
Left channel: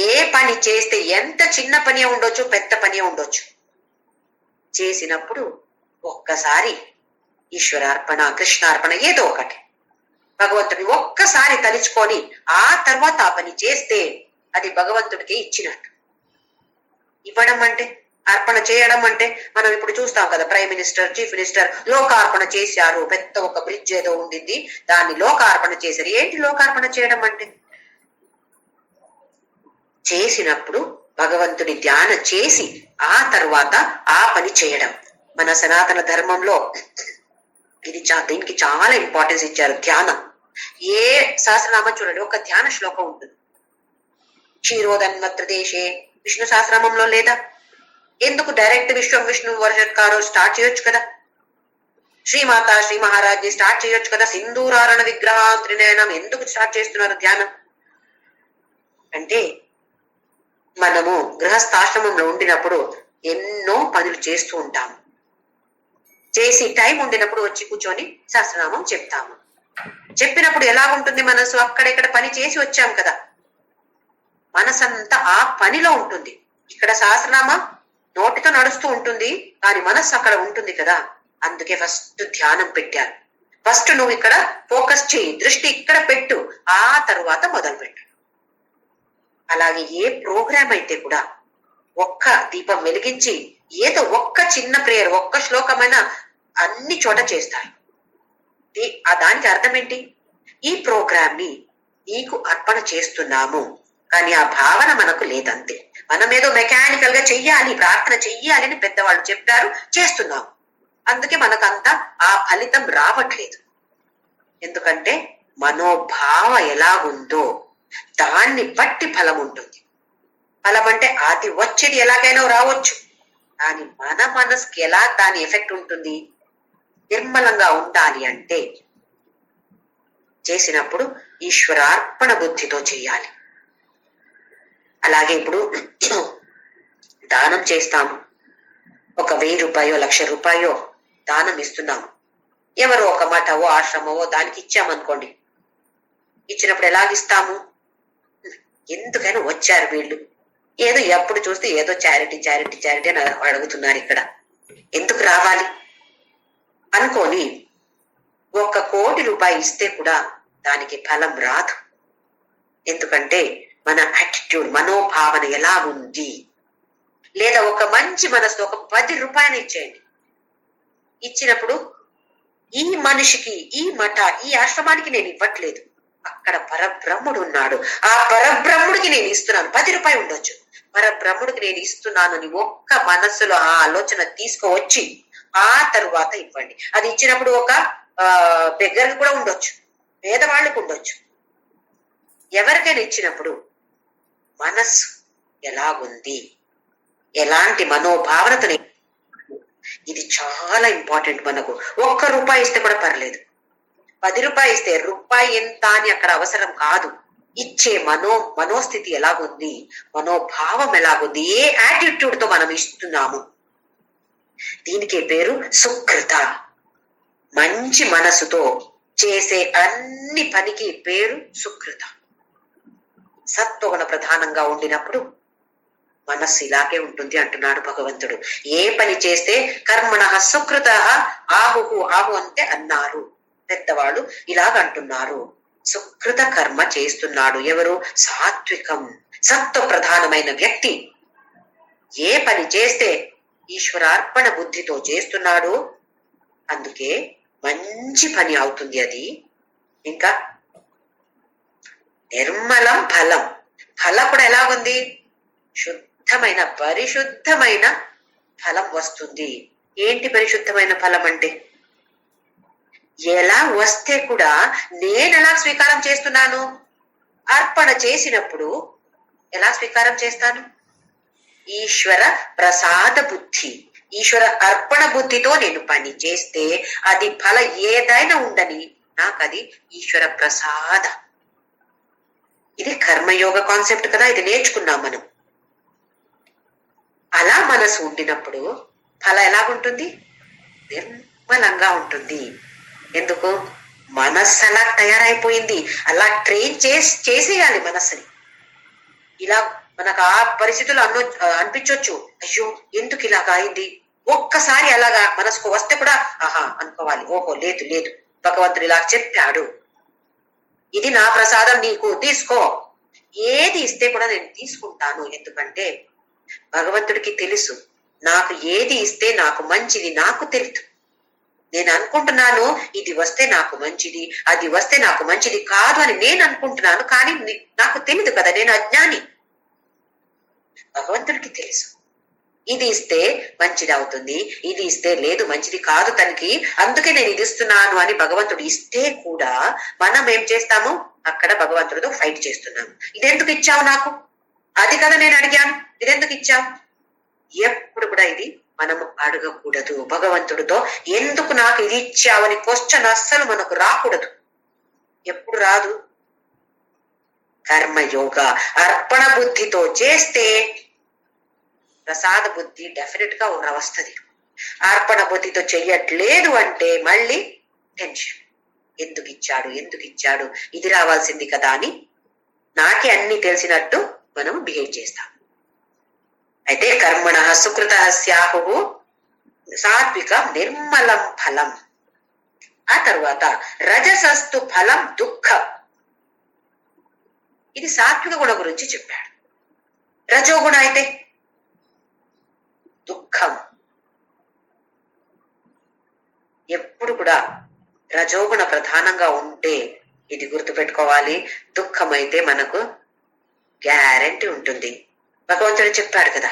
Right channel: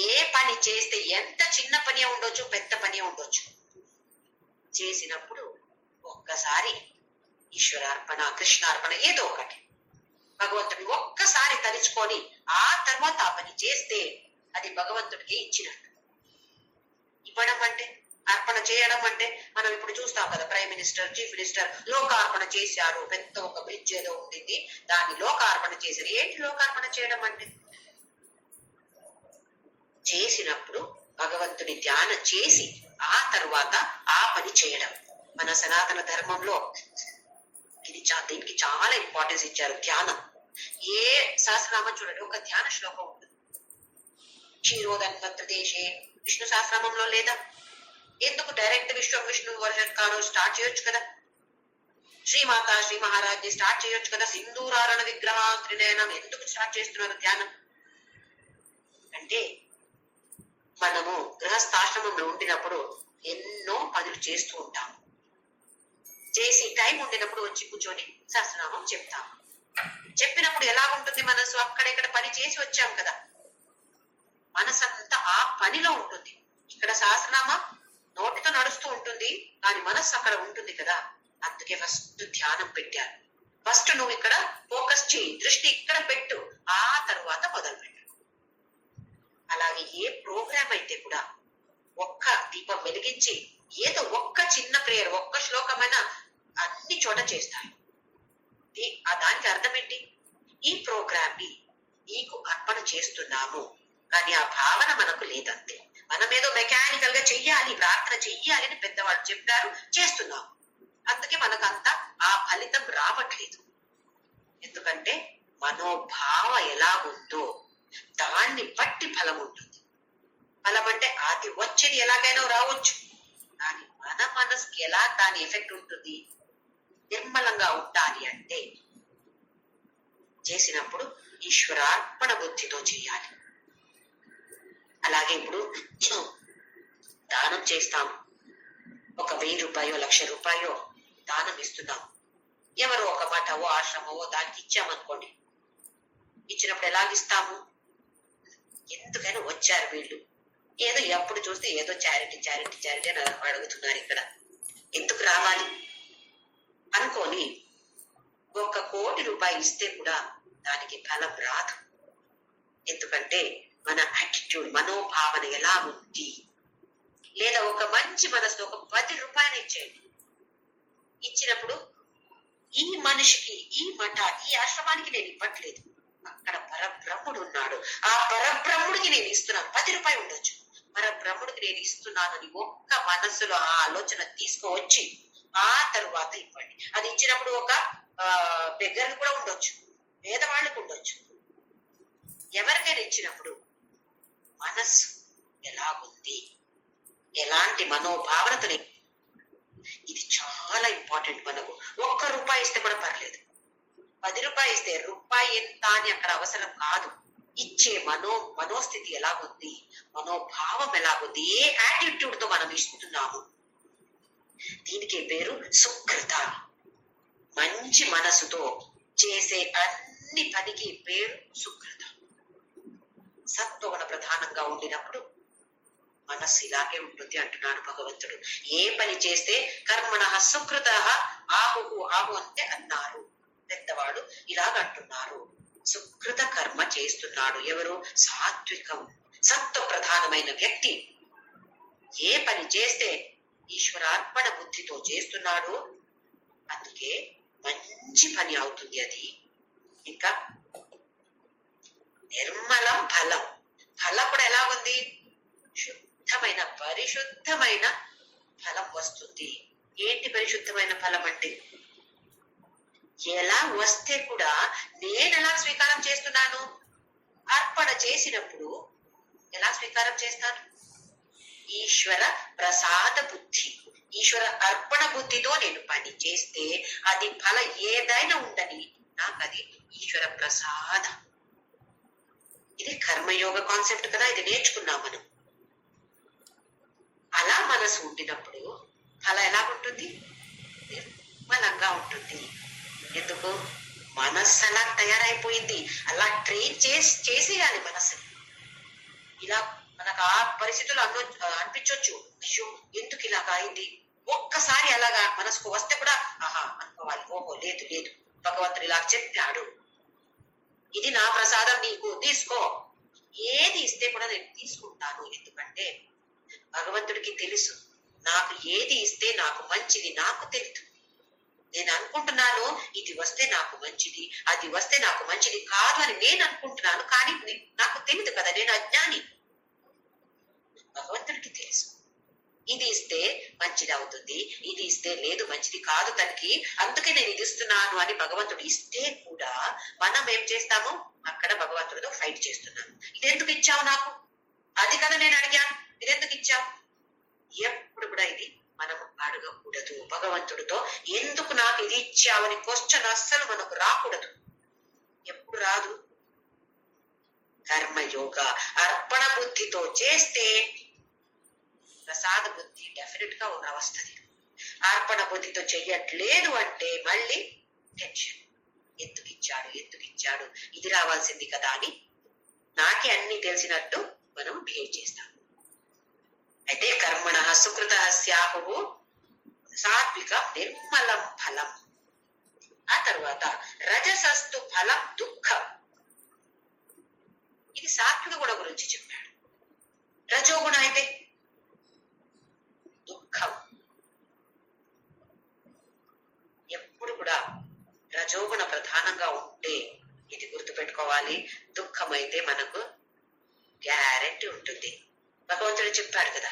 ఏ పని చేస్తే ఎంత చిన్న పని ఉండొచ్చు, పెద్ద పని ఉండొచ్చు, చేసినప్పుడు ఒక్కసారి ఈశ్వరార్పణ, కృష్ణార్పణ ఏదో ఒకటి భగవంతుడిని ఒక్కసారి తలుచుకొని ఆ తర్వాత ఆ పని చేస్తే అది భగవంతుడికి ఇచ్చినట్టు. ఇవ్వడం అంటే, అర్పణ చేయడం అంటే, మనం ఇప్పుడు చూస్తాం కదా, ప్రైమ్ మినిస్టర్, చీఫ్ మినిస్టర్ లోకార్పణ చేశారు. పెద్ద ఒక బ్రిడ్జ్ ఏదో ఉండింది, దాన్ని లోకార్పణ చేశారు. ఏంటి లోకార్పణ చేయడం అంటే? చేసినప్పుడు భగవంతుడి ధ్యానం చేసి ఆ తర్వాత ఆ పని చేయడం. మన సనాతన ధర్మంలో దీనికి చాలా ఇంపార్టెన్స్ ఇచ్చారు, ధ్యానం. ఏ సహస్రనామం చూడండి, ఒక ధ్యాన శ్లోకం ఉంటుంది. క్షీరోదన్వత్ర దేశే విష్ణు సహస్రనామంలో లేదా? ఎందుకు డైరెక్ట్ విశ్వం విష్ణు వర్షత్కారో స్టార్ట్ చేయొచ్చు కదా. శ్రీమాత శ్రీ మహారాజ్ స్టార్ట్ చేయొచ్చు కదా. సింధూరారణ విగ్రహ త్రినయనం ఎందుకు స్టార్ట్ చేస్తున్నారు ధ్యానం అంటే, మనము గృహస్థాశ్రమంలో ఉండినప్పుడు ఎన్నో పనులు చేస్తూ ఉంటాము. చేసి టైం ఉండినప్పుడు వచ్చి కూర్చొని సహస్రనామం చెప్తాము. చెప్పినప్పుడు ఎలా ఉంటుంది మనసు? అక్కడెక్కడ పని చేసి వచ్చాం కదా, మనసంతా ఆ పనిలో ఉంటుంది. ఇక్కడ సహస్రనామం నోటితో నడుస్తూ ఉంటుంది, కానీ మనస్సు అక్కడ ఉంటుంది కదా. అందుకే ఫస్ట్ ధ్యానం పెట్టారు. ఫస్ట్ నువ్వు ఇక్కడ ఫోకస్ చేయి, దృష్టి ఇక్కడ పెట్టు, ఆ తరువాత మొదలు పెట్టు. అలాగే ఏ ప్రోగ్రామ్ అయితే కూడా ఒక్క దీపం వెలిగించి ఏదో ఒక్క చిన్న ప్రేయర్, ఒక్క శ్లోకమైన అన్ని చోట చేస్తారు. దానికి అర్థం ఏంటి? ఈ ప్రోగ్రామ్ ని నీకు అర్పణ చేస్తున్నాము, కానీ ఆ భావన మనకు లేదంతే. మనం ఏదో మెకానికల్ గా చెయ్యాలి, ప్రార్థన చెయ్యాలి అని పెద్దవాళ్ళు చెప్పారు, చేస్తున్నాము. అందుకే మనకంతా ఆ ఫలితం రావట్లేదు. ఎందుకంటే మనోభావ ఎలాగుందో దాన్ని బట్టి ఫలం ఉంటుంది. ఫలం అంటే అది వచ్చేది ఎలాగైనా రావచ్చు, కానీ మన మనసుకి ఎలా దాని ఎఫెక్ట్ ఉంటుంది? నిర్మలంగా ఉండాలి అంటే చేసినప్పుడు ఈశ్వరార్పణ బుద్ధితో చేయాలి. అలాగే ఇప్పుడు దానం చేస్తాము, ఒక 1000 రూపాయో 1,00,000 రూపాయో దానం ఇస్తున్నాము. ఎవరో ఒక మఠవో ఆశ్రమవో దానికి ఇచ్చామనుకోండి, ఇచ్చినప్పుడు ఎలాగిస్తాము? ఎందుకైనా వచ్చారు వీళ్ళు, ఏదో ఎప్పుడు చూస్తే ఏదో చారిటీ చారిటీ చారిటీ అని అడుగుతున్నారు, ఇక్కడ ఎందుకు రావాలి అనుకొని ₹1,00,00,000 ఇస్తే కూడా దానికి ఫలం రాదు. ఎందుకంటే మన యాటిట్యూడ్, మనోభావన ఎలా ఉంది. లేదా ఒక మంచి మనసు, ఒక ₹10 ఇచ్చేయండి. ఇచ్చినప్పుడు ఈ మనిషికి, ఈ మఠ, ఈ ఆశ్రమానికి నేను ఇవ్వట్లేదు, అక్కడ పరబ్రహ్ముడు ఉన్నాడు, ఆ పరబ్రహ్ముడికి నేను ఇస్తున్నాను. ₹10 ఉండొచ్చు, పరబ్రహ్ముడికి నేను ఇస్తున్నాను అని ఒక్క మనస్సులో ఆ ఆలోచన తీసుకువచ్చి ఆ తరువాత ఇవ్వండి. అది ఇచ్చినప్పుడు ఒక బెగ్గర్కి కూడా ఉండొచ్చు, పేదవాళ్ళకు ఉండొచ్చు. ఎవరికైనా ఇచ్చినప్పుడు మనస్సు ఎలాగుంది, ఎలాంటి మనోభావనతో, ఇది చాలా ఇంపార్టెంట్. మనకు ₹1 ఇస్తే కూడా పర్లేదు, ₹10 ఇస్తే రూపాయి ఎంత అని అక్కడ అవసరం కాదు. ఇచ్చే మనోస్థితి ఎలాగుంది, మనోభావం ఎలాగుంది, ఏ యాటిట్యూడ్ తో మనం ఇస్తున్నాము, దీనికే పేరు సుకృత. మంచి మనసుతో చేసే అన్ని పనికి పేరు సుకృత. సత్వగుణ ప్రధానంగా ఉండినప్పుడు మనస్సు ఇలాగే ఉంటుంది అంటున్నాడు భగవంతుడు. ఏ పని చేస్తే కర్మణః సుకృతః ఆహుః, ఆహు అంటే అన్నారు పెద్దవాళ్ళు, ఇలాగంటున్నారు. సుకృత కర్మ చేస్తున్నాడు ఎవరు? సాత్వికం, సత్వ ప్రధానమైన వ్యక్తి. ఏ పని చేస్తే ఈశ్వరార్పణ బుద్ధితో చేస్తున్నాడు, అందుకే మంచి పని అవుతుంది అది. ఇంకా నిర్మలం ఫలం, ఫలం కూడా ఎలాగుంది? శుద్ధమైన, పరిశుద్ధమైన ఫలం వస్తుంది. ఏంటి పరిశుద్ధమైన ఫలం అంటే? ఎలా వస్తే కూడా నేను ఎలా స్వీకారం చేస్తున్నాను? అర్పణ చేసినప్పుడు ఎలా స్వీకారం చేస్తాను? ఈశ్వర ప్రసాద బుద్ధి, ఈశ్వర అర్పణ బుద్ధితో నేను పని చేస్తే అది ఫల ఏదైనా ఉండని నాకు అది ఈశ్వర ప్రసాద. ఇది కర్మయోగ కాన్సెప్ట్ కదా, ఇది నేర్చుకున్నాం మనం. అలా మనసు ఉండినప్పుడు ఫల ఎలాగుంటుంది? నిర్మలంగా ఉంటుంది. ఎందుకు? మనస్సు అలా తయారైపోయింది, అలా ట్రైన్ చేసేయాలి మనస్సుని. ఇలా మనకు ఆ పరిస్థితులు అనిపించవచ్చు, అయ్యో ఎందుకు ఇలాగా అయింది, ఒక్కసారి అలాగా మనసుకు వస్తే కూడా ఆహా అనుకోవాలి, ఓహో లేదు లేదు, భగవంతుడు ఇలా చెప్పాడు, ఇది నా ప్రసాదం, నీకు తీసుకో. ఏది ఇస్తే కూడా నేను తీసుకుంటాను. ఎందుకంటే భగవంతుడికి తెలుసు నాకు ఏది ఇస్తే నాకు మంచిది, నాకు తెలుసు. నేను అనుకుంటున్నాను ఇది వస్తే నాకు మంచిది, అది వస్తే నాకు మంచిది కాదు అని నేను అనుకుంటున్నాను, కానీ నాకు తెలియదు కదా, నేను అజ్ఞాని. భగవంతుడికి తెలుసు ఇది ఇస్తే మంచిది అవుతుంది, ఇది ఇస్తే లేదు మంచిది కాదు తనకి, అందుకే నేను ఇది ఇస్తున్నాను అని భగవంతుడు ఇస్తే కూడా మనం ఏం చేస్తాము? అక్కడ భగవంతుడితో ఫైట్ చేస్తున్నాము. ఇదెందుకు ఇచ్చావు నాకు, అది కదా నేను అడిగాను, ఇదెందుకు ఇచ్చావు? ఎప్పుడు కూడా ఇది మనము అడగకూడదు భగవంతుడితో. ఎందుకు నాకు ఇది ఇచ్చావని క్వశ్చన్ అస్సలు మనకు రాకూడదు. ఎప్పుడు రాదు? కర్మయోగ అర్పణ బుద్ధితో చేస్తే ప్రసాద బుద్ధి డెఫినెట్ గా వస్తుంది. అర్పణ బుద్ధితో చెయ్యట్లేదు అంటే మళ్ళీ టెన్షన్, ఎందుకు ఇచ్చాడు, ఎందుకు ఇచ్చాడు, ఇది రావాల్సింది కదా అని నాకే అన్ని తెలిసినట్టు మనం బిహేవ్ చేస్తాం. అయితే కర్మణ సుకృత స్యాహు సాత్విక నిర్మలం ఫలం. ఆ తర్వాత రజసస్తు ఫలం దుఃఖం. ఇది సాత్విక గుణ గురించి చెప్పాడు. రజోగుణ అయితే దుఃఖం. ఎప్పుడు కూడా రజోగుణ ప్రధానంగా ఉంటే ఇది గుర్తుపెట్టుకోవాలి, దుఃఖం అయితే మనకు గ్యారెంటీ ఉంటుంది. భగవంతుడు చెప్పాడు కదా,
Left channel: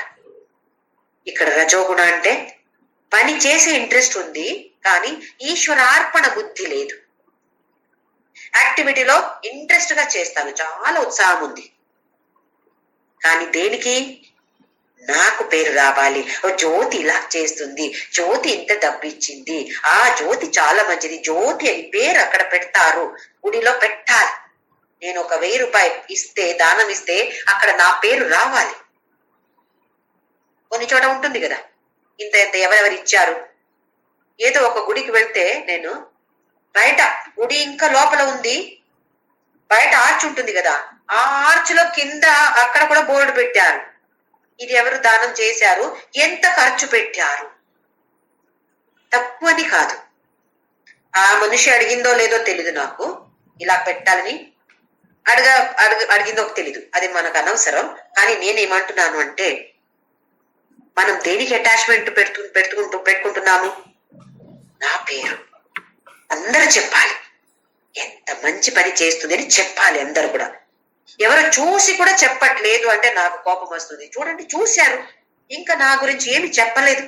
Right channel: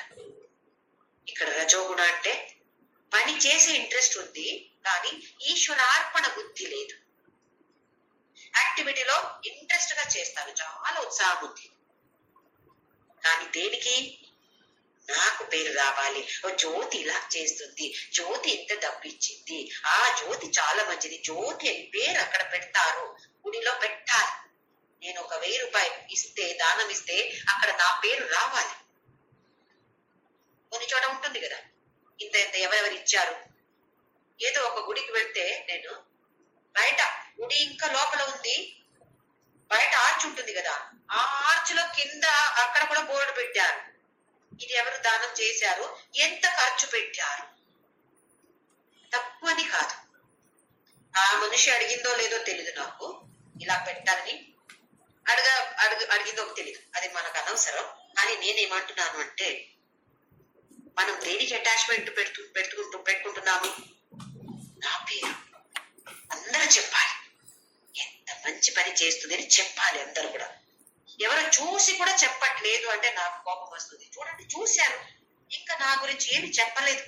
ఇక్కడ రజోగుణ అంటే పని చేసే ఇంట్రెస్ట్ ఉంది కానీ ఈశ్వరార్పణ బుద్ధి లేదు. యాక్టివిటీలో ఇంట్రెస్ట్ గా చేస్తాను, చాలా ఉత్సాహం ఉంది, కానీ దేనికి? నాకు పేరు రావాలి, జ్యోతి ఇలా చేస్తుంది, జ్యోతి ఇంత డబ్బు ఇచ్చింది, ఆ జ్యోతి చాలా మంచిది, జ్యోతి అని పేరు అక్కడ పెడతారు, గుడిలో పెట్టాలి. నేను ఒక ₹1000 ఇస్తే, దానం ఇస్తే అక్కడ నా పేరు రావాలి. కొన్ని చోట ఉంటుంది కదా, ఇంత ఇంత ఎవరెవరు ఇచ్చారు. ఏదో ఒక గుడికి వెళ్తే, నేను బయట గుడి ఇంకా లోపల ఉంది, బయట ఆర్చ్ ఉంటుంది కదా, ఆ ఆర్చ్ లో కింద అక్కడ కూడా బోర్డు పెట్టారు, ఇది ఎవరు దానం చేశారు, ఎంత ఖర్చు పెట్టారు. తక్కువని కాదు, ఆ మనిషి అడిగిందో లేదో తెలీదు నాకు, ఇలా పెట్టాలని అడిగిందో తెలీదు, అది మనకు అనవసరం. కానీ నేనేమంటున్నాను అంటే, మనం దేనికి అటాచ్మెంట్ పెట్టుకుంటున్నాము? నా పేరు అందరూ చెప్పాలి, ఎంత మంచి పని చేస్తుంది అని చెప్పాలి అందరు కూడా. ఎవరు చూసి కూడా చెప్పట్లేదు అంటే నాకు కోపం వస్తుంది. చూడండి, చూశారు, ఇంకా నా గురించి ఏమి చెప్పలేదు.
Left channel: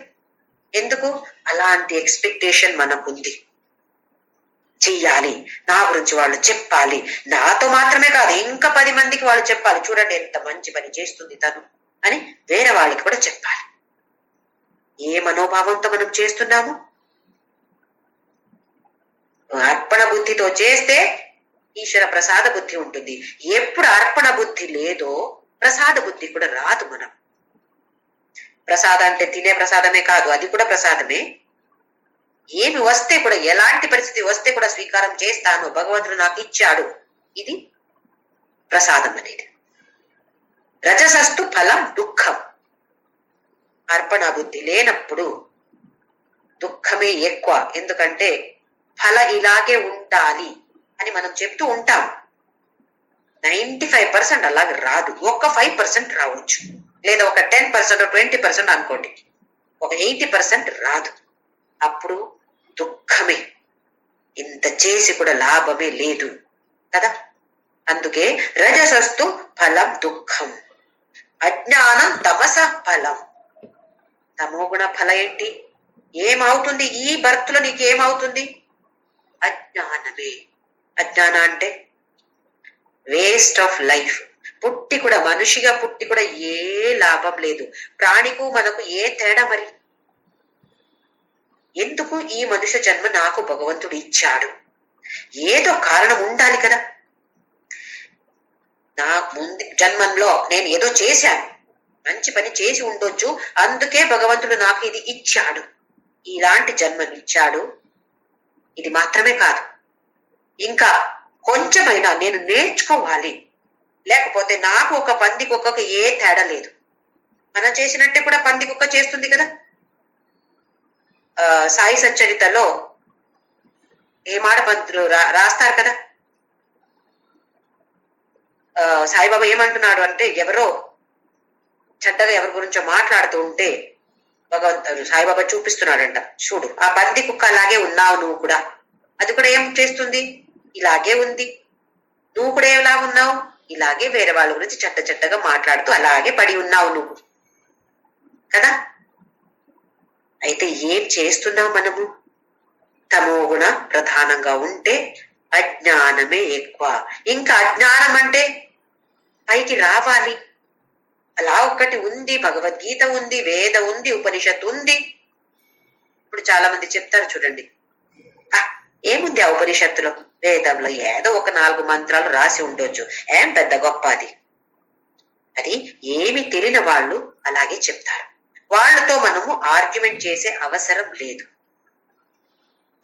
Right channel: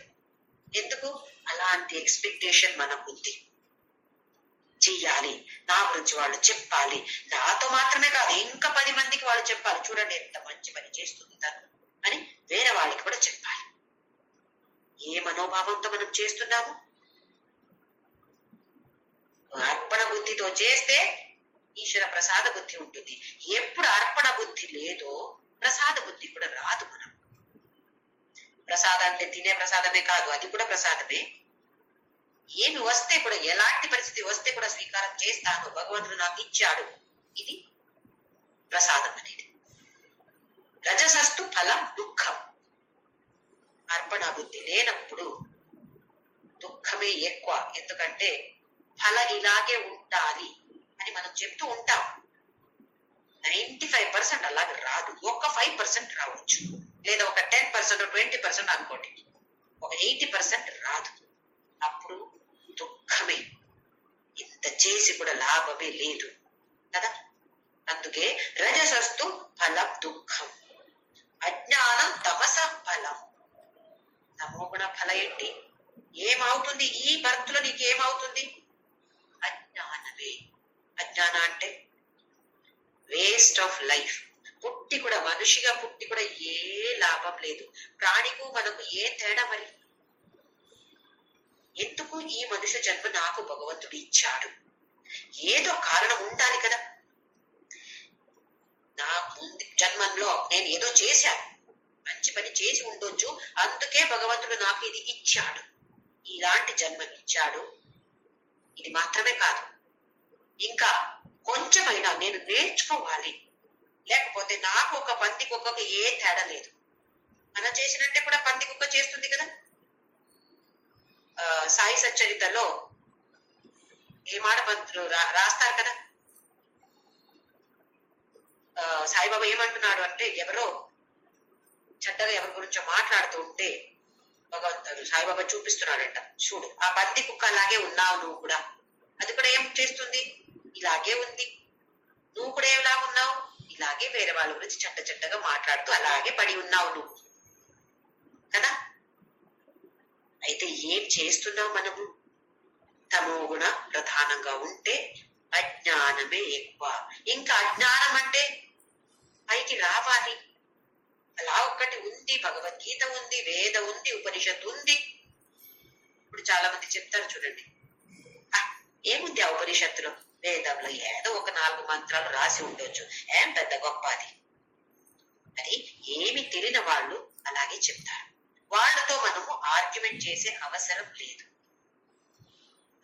ఎందుకు? అలాంటి ఎక్స్పెక్టేషన్ మనకుంది. చెయ్యాలి, నా గురించి వాళ్ళు చెప్పాలి, నాతో మాత్రమే కాదు ఇంకా 10 మందికి వాళ్ళు చెప్పాలి, చూడండి ఎంత మంచి పని చేస్తుంది తను అని వేరే వాళ్ళకి కూడా చెప్పాలి. ఏ మనోభావంతో మనం చేస్తున్నాము? అర్పణ బుద్ధితో చేస్తే ఈశ్వర ప్రసాద బుద్ధి ఉంటుంది. ఎప్పుడు అర్పణ బుద్ధి లేదో ప్రసాద బుద్ధి కూడా రాదు. మనం ప్రసాదం అంటే తినే ప్రసాదమే కాదు, అది కూడా ప్రసాదమే. ఏమి వస్తే కూడా, ఎలాంటి పరిస్థితి వస్తే కూడా స్వీకారం చేస్తాను, భగవంతుడు నాకు ఇచ్చాడు, ఇది ప్రసాదం అనేది. రజసస్తు ఫలం దుఃఖం. అర్పణ బుద్ధి లేనప్పుడు దుఃఖమే ఎక్కువ. ఎందుకంటే ఫలం ఇలాగే ఉండాలి అని మనం చెప్తూ ఉంటాం. 95% అలాగే రాదు, ఒక 5% రావచ్చు, లేదా ఒక 10% 20% అనుకోండి, ఒక 80% రాదు. అప్పుడు దుఃఖమే, ఇంత చేసి కూడా లాభమే లేదు కదా. అందుకే రజసస్తు ఫలం దుఃఖం, అజ్ఞానం తమస ఫలం. తమోగుణ ఫలం ఏంటి? ఏమవుతుంది ఈ బర్త్లో? నీకేమవుతుంది? అజ్ఞానమే. అజ్ఞానం అంటే వేస్ట్ ఆఫ్ లైఫ్. పుట్టి కూడా, మనిషిగా పుట్టి కూడా ఏ లాభం లేదు. ప్రాణికు మనకు ఏ తేడా? మరి ఎందుకు ఈ మనుష్య జన్మ నాకు భగవంతుడు ఇచ్చాడు? ఏదో కారణం ఉండాలి కదా. నా ముందు జన్మంలో నేను ఏదో చేశాను, మంచి పని చేసి ఉండొచ్చు, అందుకే భగవంతుడు నాకు ఇది ఇచ్చాడు, ఇలాంటి జన్మనిచ్చాడు. ఇది మాత్రమే కాదు, ఇంకా కొంచెమైనా నేను నేర్చుకోవాలి. లేకపోతే నాకు ఒక పంది కుక్కకు ఏ తేడా లేదు. మనం చేసినట్టే కూడా పంది కుక్క చేస్తుంది కదా. సాయి సచ్చరితలో ఏమాడ పంతులు రాస్తారు కదా. సాయిబాబా ఏమంటున్నాడు అంటే, ఎవరో చెడ్డగా ఎవరి గురించో మాట్లాడుతూ ఉంటే భగవంతుడు సాయిబాబా చూపిస్తున్నాడంట, చూడు ఆ పంది కుక్క అలాగే ఉన్నావు నువ్వు కూడా. అది కూడా ఏం చేస్తుంది? ఇలాగే ఉంది. నువ్వు కూడా ఎలా ఉన్నావు? ఇలాగే వేరే వాళ్ళ గురించి చెడ్డగా మాట్లాడుతూ అలాగే పడి ఉన్నావు నువ్వు కదా. అయితే ఏం చేస్తున్నావు మనము? తమోగుణ ప్రధానంగా ఉంటే అజ్ఞానమే ఎక్కువ. ఇంకా అజ్ఞానం అంటే పైకి రావాలి. అలా ఒక్కటి ఉంది, భగవద్గీత ఉంది, వేద ఉంది, ఉపనిషత్తు ఉంది. ఇప్పుడు చాలా మంది చెప్తారు చూడండి, ఏముంది ఆ ఉపనిషత్తులో, వేదంలో ఏదో ఒక 4 మంత్రాలు రాసి ఉండొచ్చు, ఏం పెద్ద గొప్ప అది. అది ఏమి తెలియని వాళ్ళు అలాగే చెప్తారు. వాళ్ళతో మనము ఆర్గ్యుమెంట్ చేసే అవసరం లేదు.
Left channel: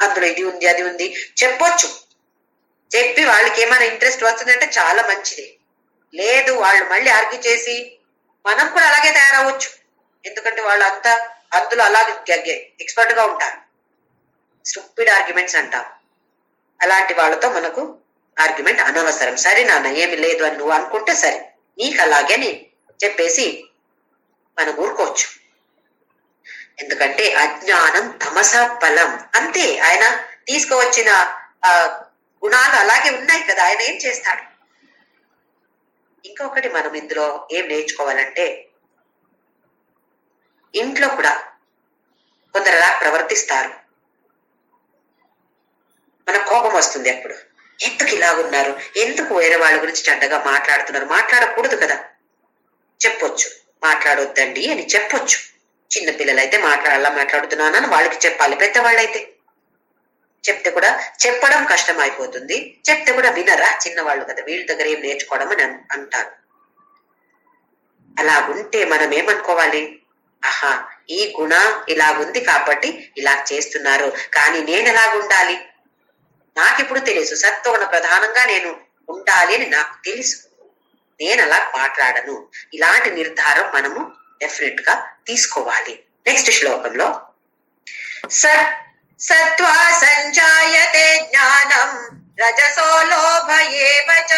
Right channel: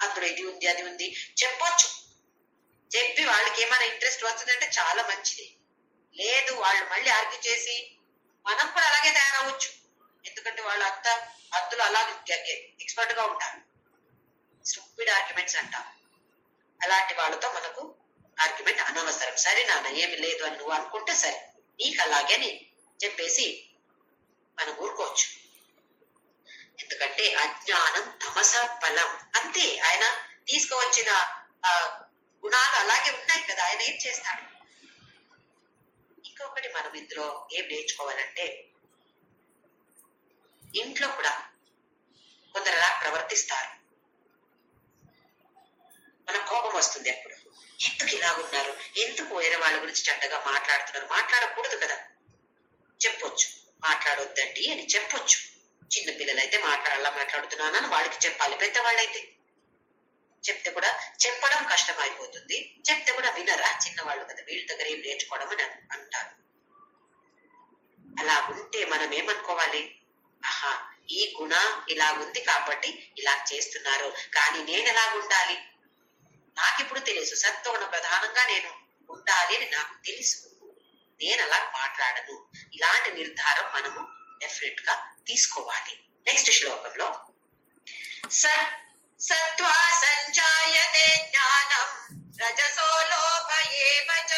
అందులో ఇది ఉంది అది ఉంది చెప్పొచ్చు. చెప్పి వాళ్ళకి ఏమైనా ఇంట్రెస్ట్ వస్తుందంటే చాలా మంచిది. లేదు, వాళ్ళు మళ్ళీ ఆర్గ్యూ చేసి మనం కూడా అలాగే తయారవచ్చు. ఎందుకంటే వాళ్ళు అంతా అందులో అలాగే ఎక్స్పర్ట్ గా ఉంటారు. స్టూపిడ్ ఆర్గ్యుమెంట్స్ అంటాం. అలాంటి వాళ్ళతో మనకు ఆర్గ్యుమెంట్ అనవసరం. సరే నాన్న ఏమి లేదు అని నువ్వు అనుకుంటే సరే, నీకు అలాగే చెప్పేసి మనం ఊరుకోవచ్చు. ఎందుకంటే అజ్ఞానం తమస ఫలం. అంతే, ఆయన తీసుకువచ్చిన గుణాలు అలాగే ఉన్నాయి కదా, ఆయన ఏం చేస్తాడు. ఇంకొకటి మనం ఇందులో ఏం నేర్చుకోవాలంటే, ఇంట్లో కూడా కొందరు అలా ప్రవర్తిస్తారు. మన కోపం వస్తుంది అప్పుడు, ఎందుకు ఇలాగున్నారు, ఎందుకు వేరే వాళ్ళ గురించి చెడ్డగా మాట్లాడుతున్నారు. మాట్లాడకూడదు కదా, చెప్పొచ్చు, మాట్లాడొద్దండి అని చెప్పొచ్చు. చిన్న పిల్లలైతే మాట్లాడుతున్నానని వాళ్ళకి చెప్పాలి. పెద్దవాళ్ళైతే చెప్తే కూడా చెప్పడం కష్టం అయిపోతుంది. చెప్తే కూడా వినరా, చిన్నవాళ్ళు కదా, వీళ్ళ దగ్గర ఏం నేర్చుకోవడం అని అంటారు. అలా ఉంటే మనం ఏమనుకోవాలి, ఆహా ఈ గుణ ఇలాగుంది కాబట్టి ఇలా చేస్తున్నారు, కానీ నేను ఎలాగుండాలి నాకిప్పుడు తెలుసు. సత్వగుణ ప్రధానంగా నేను ఉండాలి అని నాకు తెలుసు, నేను అలా మాట్లాడను. ఇలాంటి నిర్ధారం మనము డెఫినెట్ గా తీసుకోవాలి. నెక్స్ట్ శ్లోకంలో సత్వా సంజాయతే జ్ఞానం రజసో లోభ ఏవ చ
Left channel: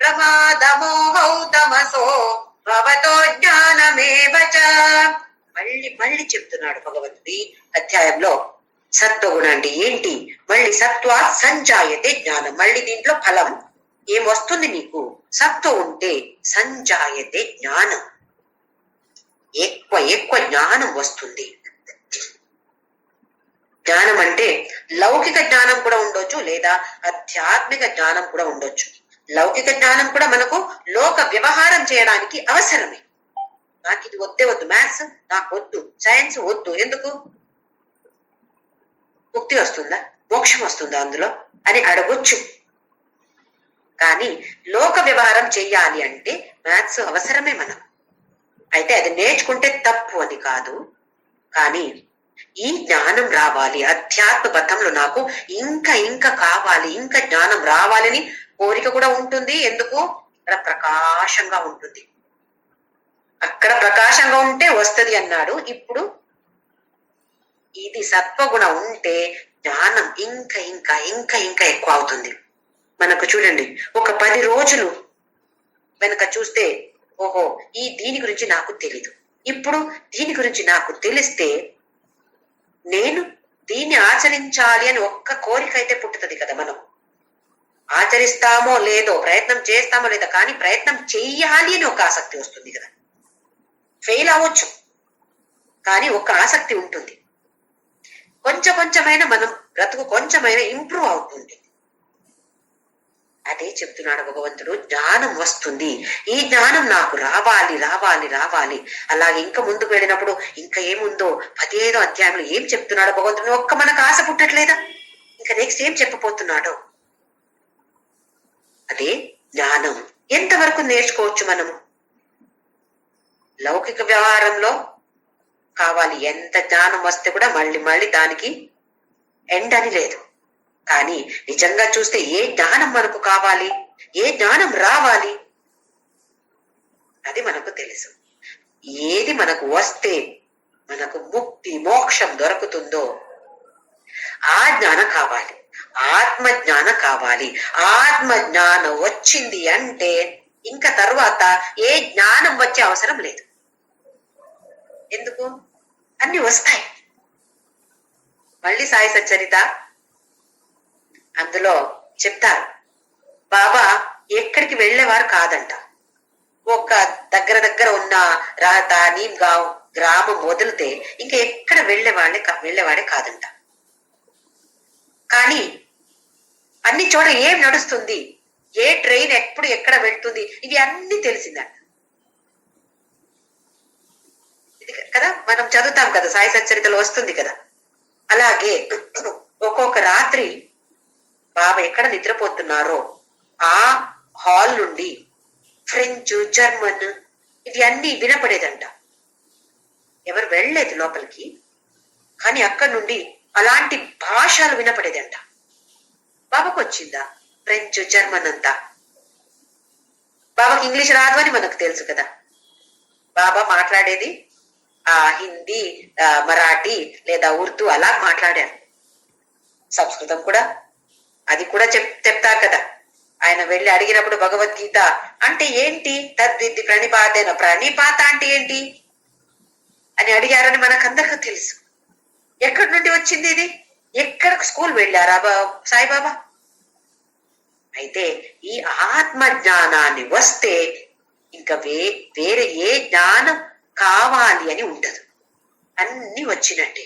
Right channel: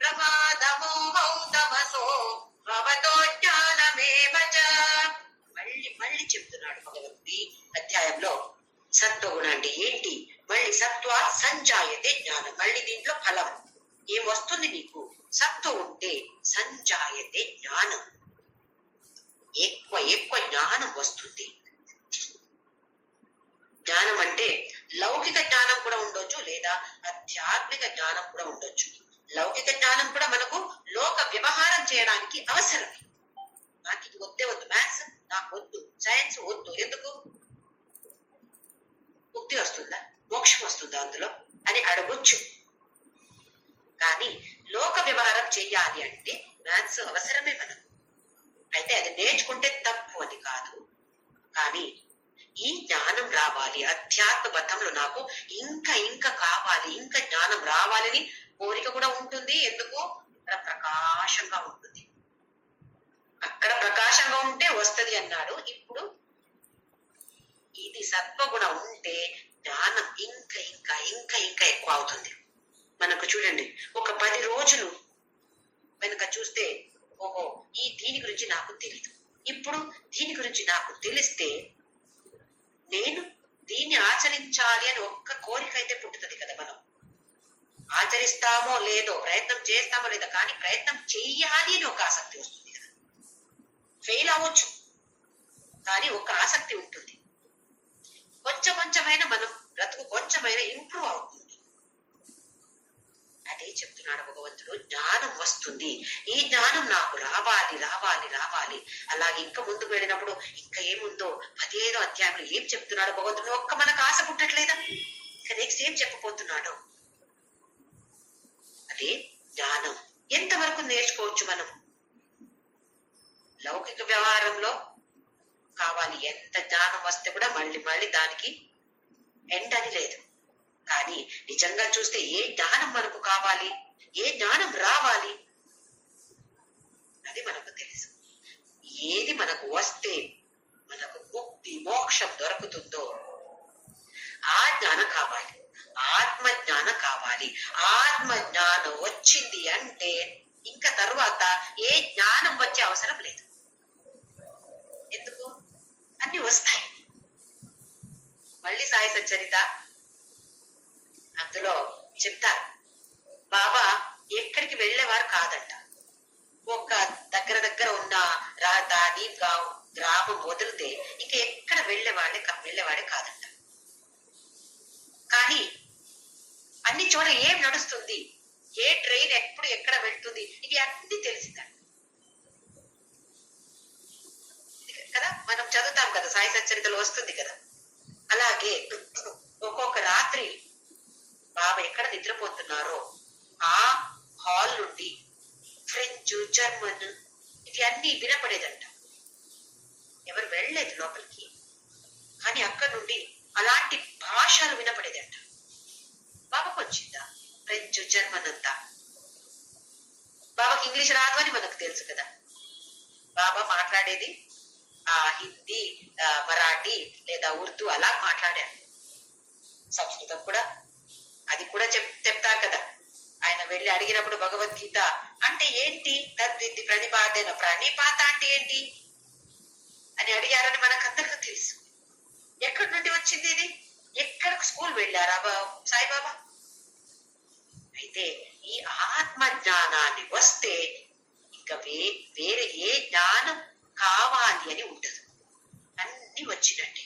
ప్రమాదమోహౌ తమసో భవతో జ్ఞానమేవ చ. మళ్ళీ మళ్ళీ చెప్తున్నాడు భగవంతుడి అధ్యాయంలో సత్వగుణ అంటే ఏంటి, మళ్ళీ సత్వా సంజాయతే జ్ఞానం, మళ్ళీ దీంట్లో ఫలం ఏం వస్తుంది నీకు, సత్వం ఉంటే సంజాయతే జ్ఞానం, ఎక్కువ ఎక్కువ జ్ఞానం వస్తుంది. జ్ఞానం అంటే లౌకిక జ్ఞానం కూడా ఉండొచ్చు, లేదా ఆధ్యాత్మిక జ్ఞానం కూడా ఉండొచ్చు. లౌకిక జ్ఞానం కూడా మనకు లోక వ్యవహారం చేయడానికి అవసరమే. నాకు ఇది వద్దే వద్దు, మ్యాథ్స్ నాకు వద్దు, సైన్స్ వద్దు, ఎందుకు, ముక్తి వస్తుందా, మోక్షం వస్తుందా అందులో అని అడగొచ్చు. కానీ లోక వ్యవహారం చెయ్యాలి అంటే మ్యాథ్స్ అవసరమే మనం. అయితే అది నేర్చుకుంటే తప్పు అని కాదు, కానీ ఈ జ్ఞానం రావాలి, అధ్యాత్మ పథంలో నాకు ఇంకా ఇంకా కావాలి, ఇంకా జ్ఞానం రావాలని కోరిక కూడా ఉంటుంది. ఎందుకు, అక్కడ ప్రకాశంగా ఉంటుంది, అక్కడ ప్రకాశంగా ఉంటే వస్తది అన్నాడు. ఇప్పుడు ఇది సత్వగుణం ఉంటే జ్ఞానం ఇంకా ఇంకా ఇంకా ఇంకా ఎక్కువ అవుతుంది. మనకు చూడండి, ఒక 10 రోజులు వెనక చూస్తే ఓహో ఈ దీని గురించి నాకు తెలీదు, ఇప్పుడు దీని గురించి నాకు తెలిస్తే నేను దీన్ని ఆచరించాలి అని ఒక్క కోరిక అయితే పుట్టుతుంది కదా. మనం ఆచరిస్తామో లేదో, ప్రయత్నం చేస్తామో లేదో, కానీ ప్రయత్నం చెయ్యాలి అని ఒక ఆసక్తి వస్తుంది కదా. ఫెయిల్ అవ్వచ్చు కానీ ఒక ఆసక్తి ఉంటుంది. కొంచెం కొంచెమైనా మనం బ్రతుకు కొంచెమైనా ఇంప్రూవ్ అవుతుంది. అదే చెప్తున్నాడు భగవంతుడు, జ్ఞానం వస్తుంది, ఈ జ్ఞానం నాకు రావాలి రావాలి రావాలి. అలాగే ఇంకా ముందుకు వెళ్ళినప్పుడు ఇంకా ఏముందో 15వ అధ్యాయంలో ఏం చెప్తున్నాడో భగవంతుడు, ఒక్క మనకు ఆశ పుట్టట్లేదా, ఇంకా నెక్స్ట్ ఏం చెప్పబోతున్నాడో. అదే జ్ఞానం ఎంతవరకు నేర్చుకోవచ్చు మనము. లౌకిక వ్యవహారంలో కావాలి, ఎంత జ్ఞానం వస్తే కూడా మళ్ళీ మళ్ళీ దానికి ఎండ్ అని లేదు. కానీ నిజంగా చూస్తే ఏ జ్ఞానం మనకు కావాలి, ఏ జ్ఞానం రావాలి అది మనకు తెలుసు. ఏది మనకు వస్తే మనకు ముక్తి మోక్షం దొరుకుతుందో ఆ జ్ఞానం కావాలి, ఆత్మ జ్ఞానం కావాలి. ఆత్మ జ్ఞానం వచ్చింది అంటే ఇంకా తర్వాత ఏ జ్ఞానం వచ్చే అవసరం లేదు. ఎందుకు, అన్ని వస్తాయి. మళ్ళీ సాయి సచ్చరిత అందులో చెప్తారు, బాబా ఎక్కడికి వెళ్ళేవారు కాదంట. ఒక దగ్గర దగ్గర ఉన్న రాత నీమ్గావ్ గ్రామం వదిలితే ఇంకా ఎక్కడ వెళ్ళేవాడే కాదంట. కానీ అన్ని చోట ఏం నడుస్తుంది, ఏ ట్రైన్ ఎప్పుడు ఎక్కడ వెళ్తుంది, ఇవి అన్ని తెలిసిందంట. ఇది కదా మనం చదువుతాం కదా, సాయి సచ్చరితలో వస్తుంది కదా. అలాగే ఒక్కొక్క రాత్రి బాబా ఎక్కడ నిద్రపోతున్నారో ఆ హాల్ నుండి ఫ్రెంచ్, జర్మన్ ఇవి అన్ని వినపడేదంట. ఎవరు వెళ్ళలేదు లోపలికి, కానీ అక్కడి నుండి అలాంటి భాషలు వినపడేదంట. బాబాకు వచ్చిందా ఫ్రెంచ్, జర్మన్ అంతా? బాబాకి ఇంగ్లీష్ రాదు అని మనకు తెలుసు కదా. బాబా మాట్లాడేది హిందీ, మరాఠీ లేదా ఉర్దూ అలా మాట్లాడారు. సంస్కృతం కూడా అది కూడా చెప్తారు కదా. ఆయన వెళ్ళి అడిగినప్పుడు భగవద్గీత అంటే ఏంటి, తద్విద్ది ప్రణిపాతేన, ప్రణిపాత అంటే ఏంటి అని అడిగారని మనకందరికీ తెలుసు. ఎక్కడి నుండి వచ్చింది ఇది, ఎక్కడ స్కూల్ వెళ్ళారా సాయిబాబా? అయితే ఈ ఆత్మ జ్ఞానాన్ని వస్తే ఇంకా వేరే ఏ జ్ఞానం కావాలి అని ఉండదు, అన్ని వచ్చినట్టే.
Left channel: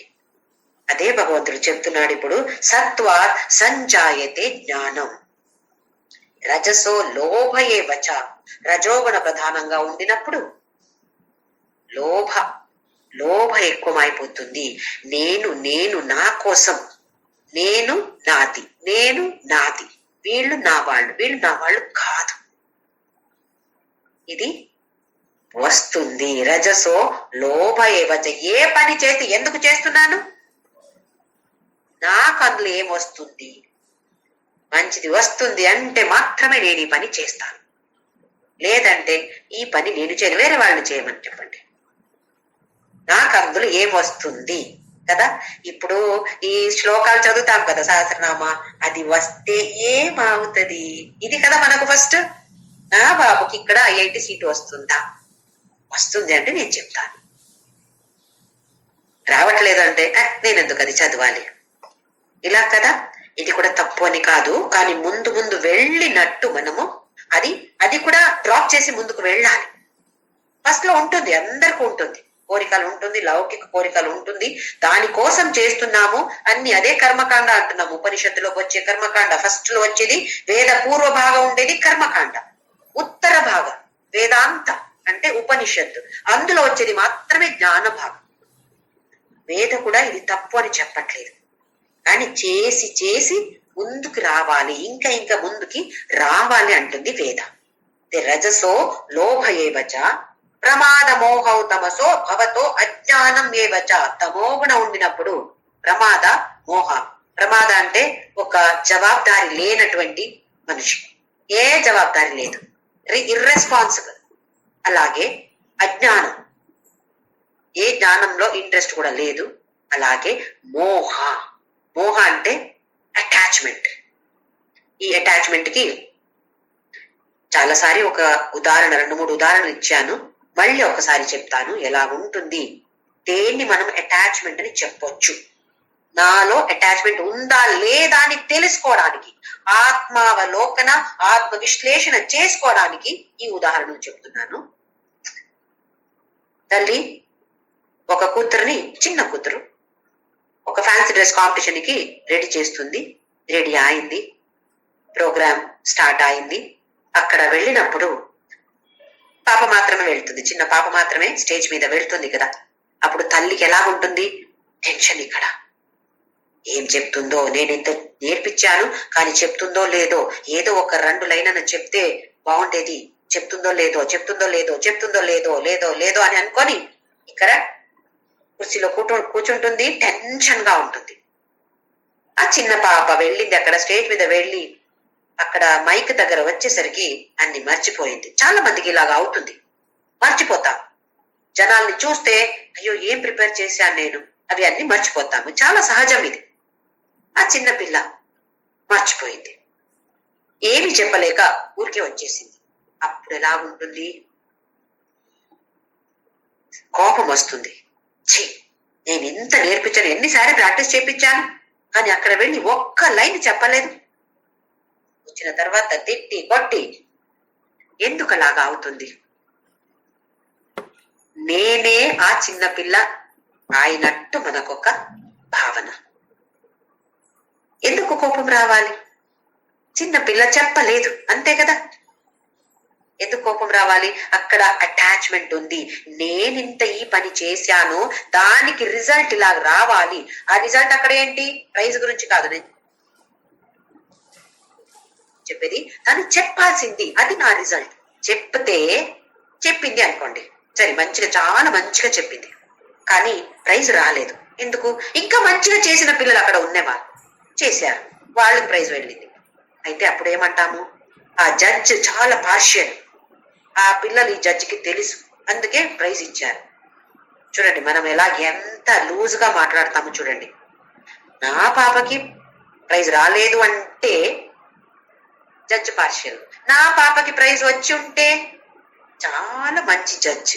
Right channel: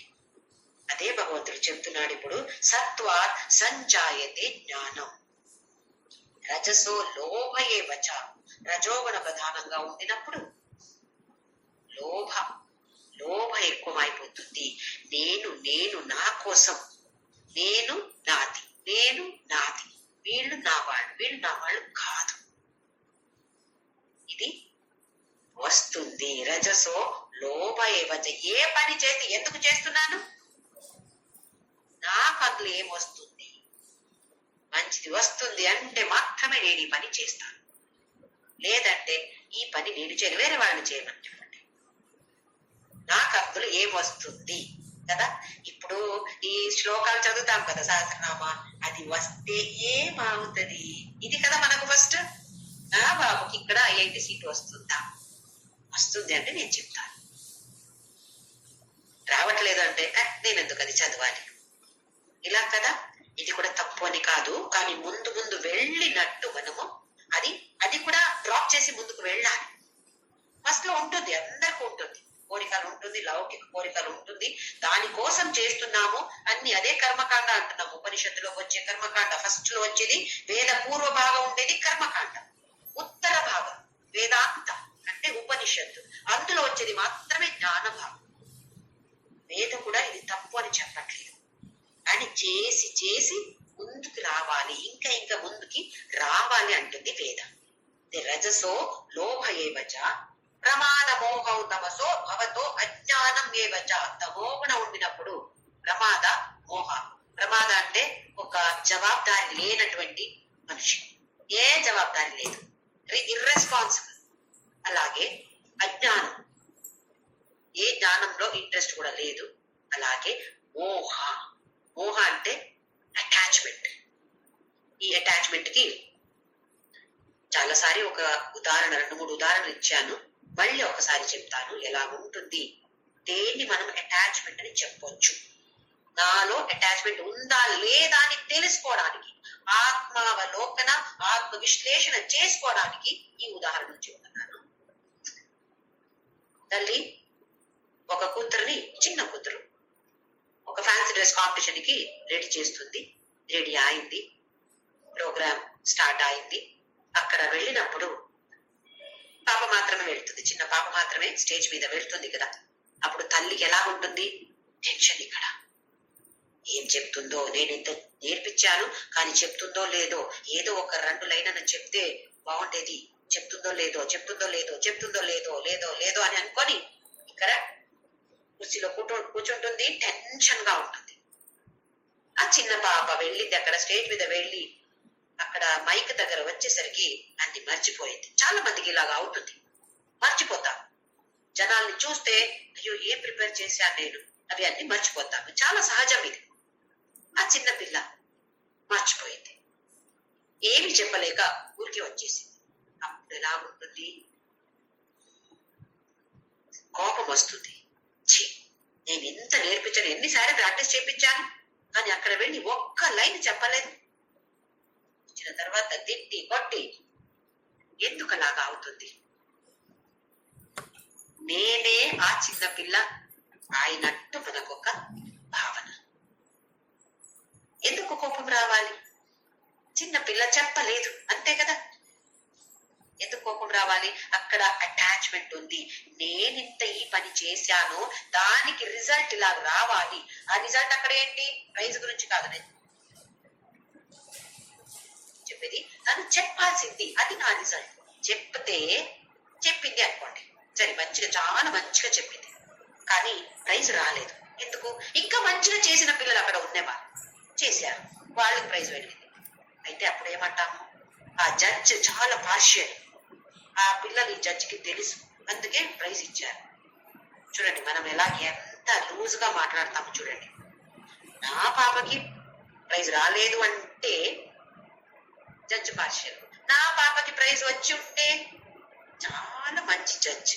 అదే భగవంతుడు చెప్తున్నాడు ఇప్పుడు, సత్వ సంజాయతే జ్ఞానం రజసో లోభయే వచ. రజోగుణ ప్రధానంగా ఉండినప్పుడు లోభ ఎక్కువైపోతుంది. నేను నేను నా కోసం, నేను నాది, నేను నాది, వీళ్ళు నా వాళ్ళు కాదు, ఇది వస్తుంది. రజసో లోభయే వచ. ఏ పని చేస్తే ఎందుకు చేస్తున్నాను, నాకు అందులో ఏమొస్తుంది, మంచిది వస్తుంది అంటే మాత్రమే నేను ఈ పని చేస్తాను, లేదంటే ఈ పని నేను చేయను, వేరే వాళ్ళని చేయమని చెప్పండి, నాకు అందులో ఏమొస్తుంది కదా. ఇప్పుడు ఈ శ్లోకాలు చదువుతాం కదా సహస్రనామ, అది వస్తే ఏమవుతుంది, ఇది కదా మనకు ఫస్ట్. బాబుకి ఇక్కడ ఐఐటి సీటు వస్తుందా, వస్తుంది అంటే నేను చెప్తాను, రావట్లేదు అంటే నేను ఎందుకు అది చదవాలి, ఇలా కదా. ఇది కూడా తప్పు అని కాదు, కానీ ముందు ముందు వెళ్ళినట్టు మనము అది అది కూడా డ్రాప్ చేసి ముందుకు వెళ్ళాలి. ఫస్ట్ లో ఉంటుంది, అందరికీ ఉంటుంది, కోరికలు ఉంటుంది, లౌకిక కోరికలు ఉంటుంది, దానికోసం చేస్తున్నాము అన్ని. అదే కర్మకాండ అంటున్నాము, ఉపనిషత్తులోకి వచ్చే కర్మకాండ. ఫస్ట్ లో వచ్చేది వేద పూర్వ భాగం ఉండేది కర్మకాండ, ఉత్తర భాగం వేదాంత అంటే ఉపనిషత్తు, అందులో వచ్చేది మాత్రమే జ్ఞాన భాగం. వేద కూడా ఇది తప్పు అని చెప్పట్లేదు, కానీ చేసి చేసి ముందుకు రావాలి, ఇంకా ఇంకా ముందుకి రావాలి అంటుంది వేద. రజసో లోభ ఏవచ ప్రమాద మోహౌ తమసో భవతో అజ్ఞానం ఏవచ. తమోగుణ ఉండినప్పుడు ప్రమాద మోహ. ప్రమాద అంటే ఒక జవాబుదారి లేనటువంటి మనిషి, ఏ జవాబుదారి లేదు, ఇర్రెస్పాన్సిబుల్. అలాగే అజ్ఞానం, ఏ జ్ఞానంలో ఇంట్రెస్ట్ కూడా లేదు. అలాగే మోహ. మోహ అంటే అటాచ్మెంట్. ఈ అటాచ్మెంట్ కి చాలాసారి ఒక ఉదాహరణ, 2-3 ఉదాహరణలు ఇచ్చాను, మళ్ళీ ఒకసారి చెప్తాను ఎలా ఉంటుంది, దేన్ని మనం అటాచ్మెంట్ అని చెప్పొచ్చు. నాలో అటాచ్మెంట్ ఉందా లేదా అని తెలుసుకోవడానికి, ఆత్మావలోకన ఆత్మ విశ్లేషణ చేసుకోవడానికి ఈ ఉదాహరణలు చెప్తున్నాను. తల్లి ఒక కూతురుని, చిన్న కూతురు ఒక ఫ్యాన్సీ డ్రెస్ కాంపిటీషన్ కి రెడీ చేస్తుంది. రెడీ అయింది, ప్రోగ్రామ్ స్టార్ట్ అయింది. అక్కడ వెళ్ళినప్పుడు పాప మాత్రమే వెళ్తుంది, చిన్న పాప మాత్రమే స్టేజ్ మీద వెళ్తుంది కదా. అప్పుడు తల్లికి ఎలా ఉంటుంది, టెన్షన్. ఇక్కడ ఏం చెప్తుందో, నేను ఇంత నేర్పించాను కానీ చెప్తుందో లేదో, ఏదో ఒక 2 లైన్లను చెప్తే బాగుండేది, చెప్తుందో లేదో చెప్తుందో లేదో చెప్తుందో లేదో లేదో లేదో అని అనుకొని ఇక్కడ కుర్చీలో కూర్చుంటుంది, టెన్షన్ గా ఉంటుంది. ఆ చిన్న పాప వెళ్ళింది, అక్కడ స్టేజ్ మీద వెళ్ళి అక్కడ మైక్ దగ్గర వచ్చేసరికి అన్ని మర్చిపోయింది. చాలా మందికి ఇలాగా అవుతుంది, మర్చిపోతాం. జనాల్ని చూస్తే అయ్యో ఏం ప్రిపేర్ చేశాను నేను, అవి అన్ని మర్చిపోతాము, చాలా సహజం ఇది. ఆ చిన్న పిల్ల మర్చిపోయింది, ఏమి చెప్పలేక ఊరికే వచ్చేసింది. అప్పుడు ఎలా ఉంటుంది, కోపం వస్తుంది. ఛీ, నేను ఇంత నేర్పించాను, ఎన్నిసార్లు ప్రాక్టీస్ చేయించాను, కానీ అక్కడ వెళ్ళి ఒక్క లైన్ చెప్పలేదు. వచ్చిన తర్వాత తిట్టి కొట్టి, ఎందుకు అలాగా అవుతుంది? నేనే ఆ చిన్న పిల్ల అయినట్టు మనకొక భావన. ఎందుకు కోపం రావాలి? చిన్న పిల్ల చెప్పలేదు, అంతే కదా. ఎందుకు కోపం రావాలి? అక్కడ అటాచ్మెంట్ ఉంది. నేనింత ఈ పని చేశాను, దానికి రిజల్ట్ ఇలా రావాలి. ఆ రిజల్ట్ అక్కడ ఏంటి? ప్రైజ్ గురించి కాదు నేను చెప్పేది, తను చెప్పాల్సింది, అది నా రిజల్ట్. చెప్పింది అనుకోండి, సరే మంచిగా, చాలా మంచిగా చెప్పింది, కానీ ప్రైజ్ రాలేదు. ఎందుకు? ఇంకా మంచిగా చేసిన పిల్లలు అక్కడ ఉన్నవాళ్ళు చేశారు, వాళ్ళకి ప్రైజ్ వెళ్ళింది. అయితే అప్పుడు ఏమంటాము? ఆ జడ్జ్ చాలా పార్షియల్, ఆ పిల్లలు ఈ జడ్జికి తెలుసు, అందుకే ప్రైజ్ ఇచ్చారు. చూడండి మనం ఎలా ఎంత లూజ్ గా మాట్లాడతాము చూడండి. నా పాపకి ప్రైజ్ రాలేదు అంటే జడ్జ్ పార్షియల్, నా పాపకి ప్రైజ్ వచ్చి ఉంటే చాలా మంచి జడ్జ్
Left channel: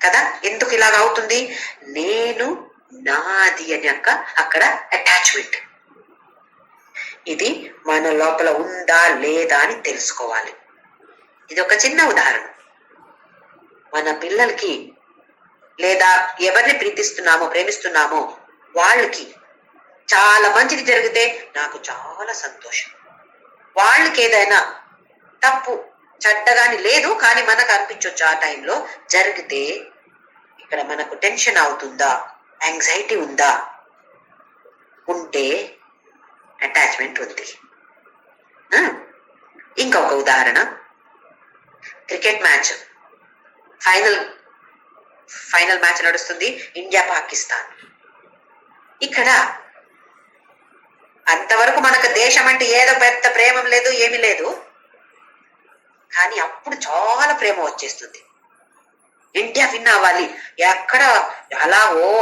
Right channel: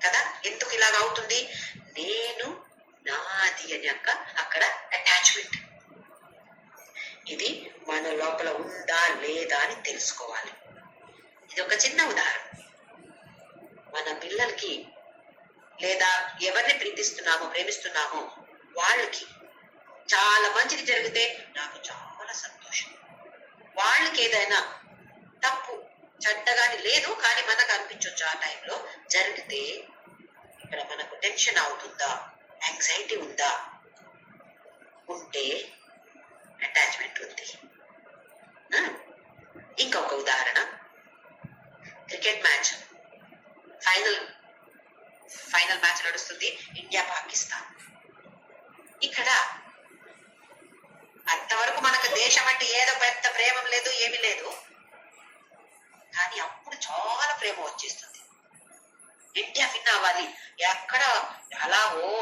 కదా. ఎందుకు ఇలాగ అవుతుంది? నేను, నాది అని అక్కడ అటాచ్మెంట్. ఇది మన లోపల ఉందా లేదా అని తెలుసుకోవాలి. ఇది ఒక చిన్న ఉదాహరణ. మన పిల్లలకి లేదా ఎవరిని ప్రేమిస్తున్నామో వాళ్ళకి చాలా మంచిది జరిగితే నాకు చాలా సంతోషం. వాళ్ళకి ఏదైనా తప్పు చెడ్డగాని లేదు, కానీ మనకు అనిపించవచ్చు ఆ టైంలో జరిగితే ఇక్కడ మనకు టెన్షన్ అవుతుందా, యాంగ్జైటీ ఉందా? ఉంటే అటాచ్మెంట్ ఉంది. ఇంకొక ఉదాహరణ, క్రికెట్ మ్యాచ్, ఫైనల్ మ్యాచ్ నడుస్తుంది, ఇండియా పాకిస్తాన్. ఇక్కడ అంతవరకు మనకు దేశం అంటే ఏదో పెద్ద ప్రేమ లేదు, ఏమీ లేదు, కానీ అప్పుడు చాలా ప్రేమ వచ్చేస్తుంది. ఇండియా విన్ అవ్వాలి. ఎక్కడ అలా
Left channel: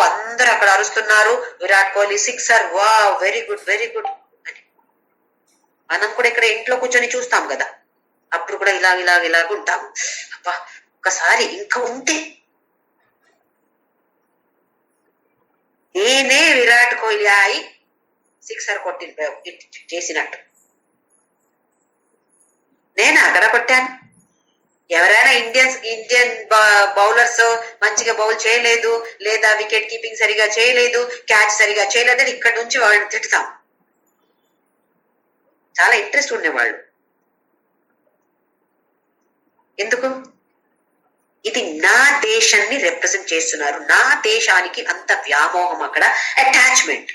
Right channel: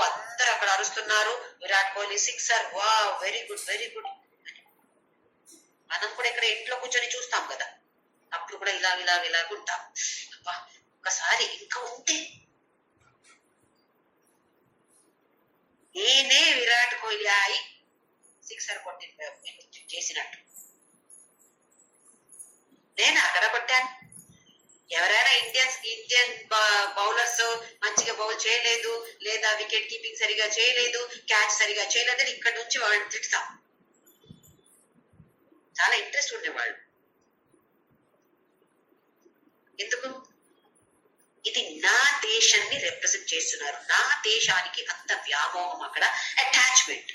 అందరు అక్కడ అరుస్తున్నారు, విరాట్ కోహ్లీ సిక్సర్, వా వెరీ గుడ్ వెరీ గుడ్ అని. మనం కూడా ఇక్కడ ఇంట్లో కూర్చొని చూస్తాం కదా, అప్పుడు కూడా ఇలాగ ఉంటాము. అబ్బా ఒక్కసారి ఇంకా ఉంటే నేనే విరాట్ కోహ్లీ అయి సిక్సర్ చేసినట్టు నేను అక్కడ కొట్టాను. ఎవరైనా ఇండియన్ బౌలర్స్ మంచిగా బౌల్ చేయలేదు, లేదా వికెట్ కీపింగ్ సరిగా చేయలేదు, క్యాచ్ సరిగా చేయలేదని ఇక్కడ నుంచి వాళ్ళని తిట్టుతాం. చాలా ఇంట్రెస్ట్ ఉండేవాళ్ళు. ఎందుకు? ఇది నా దేశాన్ని రిప్రజెంట్ చేస్తున్నారు. నా దేశానికి అంత వ్యామోహం, అక్కడ అటాచ్మెంట్,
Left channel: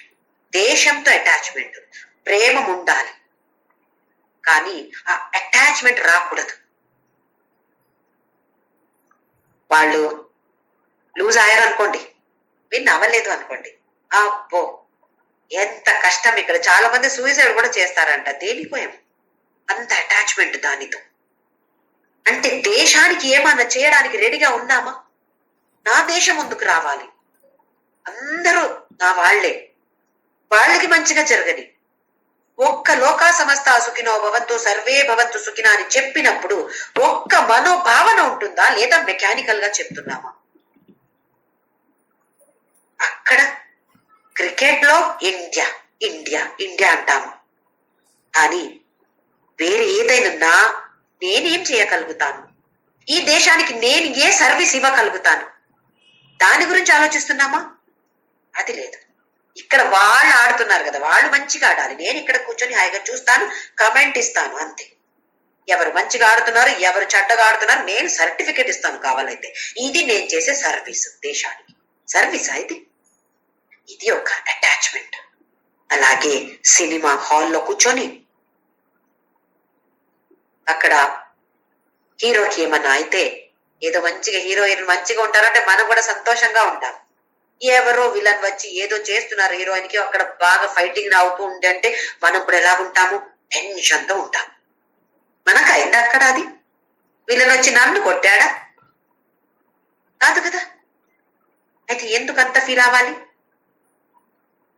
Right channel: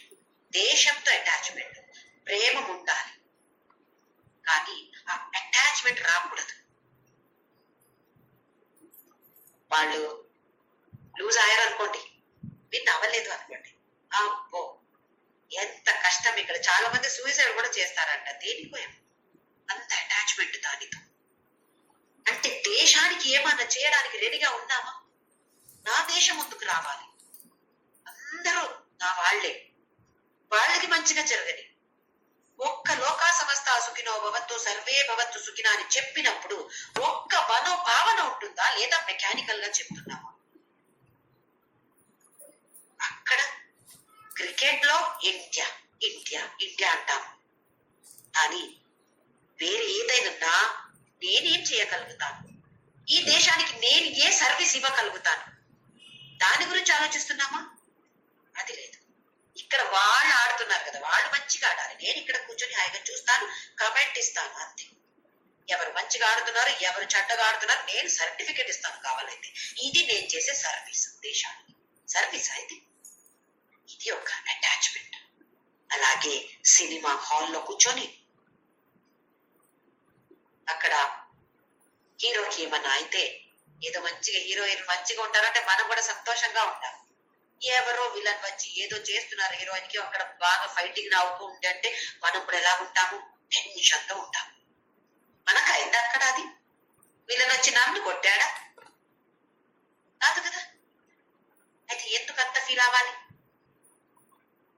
దేశంతో అటాచ్మెంట్, ప్రేమ ఉండాలి. కానీ ఆ అటాచ్మెంట్ రాకూడదు. వాళ్ళు లూజ్ అయ్యారు అనుకోండి, విన్ అవ్వలేదు అనుకోండి, అబ్బో ఎంత కష్టం. ఇక్కడ చాలా మంది సూసైడ్ కూడా చేస్తారంట. దేనికోయం అంత అటాచ్మెంట్ దానితో. అంటే దేశానికి ఏమన్నా చేయడానికి రెడీగా ఉన్నామా? నా దేశం ముందుకు రావాలి, అందరూ నా వాళ్లే, వాళ్ళకి మంచిగా జరగని. ఒక్క లోకా సమస్త సుఖినో భవంతు సర్వే భవంతు సుఖిన అని చెప్పినప్పుడు ఒక్క మనోభావన ఉంటుందా, లేదా మెకానికల్ గా చెప్తున్నామా? అక్కడ క్రికెట్ లో ఇండియా ఇండియా ఇండియా అంటాము, కానీ వేరే ఏదైనా నేనేం చేయగలుగుతాను, ఈ దేశానికి నేను ఏ సర్వీస్ ఇవ్వగలుగుతాను, దాని గురించి ఆలోచిస్తున్నామా? అది లేదు. ఇక్కడ వాళ్ళు ఆడుతున్నారు కదా, వాళ్ళు మంచిగా ఆడాలి, నేను ఇక్కడ కూర్చొని హాయిగా చూస్తాను, కమెంట్ ఇస్తాను, అంతే. ఎవరు మంచిగా ఆడుతున్నారు, ఎవరు చెడ్డగా ఆడుతున్నారు, నేను సర్టిఫికేట్ ఇస్తాను కావాలైతే. ఇది నేను చేసే సర్వీస్ దేశానికి. సర్వీస్ ఇది. ఇది ఒక అటాచ్మెంట్. అలాగే సినిమా హాల్లో కూర్చొని అక్కడ హీరోకి ఏమన్నా అయితే, ఏదో మంచిగా హీరోయిన్ మంచిగా ఉంటారంటే మనం కూడా సంతోషంగా ఉంటాం. ఎవరో విలన్ వచ్చి ఏదో చేస్తున్నారు హీరోయిన్ కి, అక్కడ బాగా ఫైటింగ్ అవుతూ ఉంటే అంటే మనం కూడా ఎలాగుంటాము, టెన్షన్ తో ఉంటాం. మనకు అయింది అక్కడ అది? విలన్ వచ్చి నన్ను కొట్టాడా? కాదు కదా. అయితే ఎందుకు అంత ఫీల్ అవ్వాలి?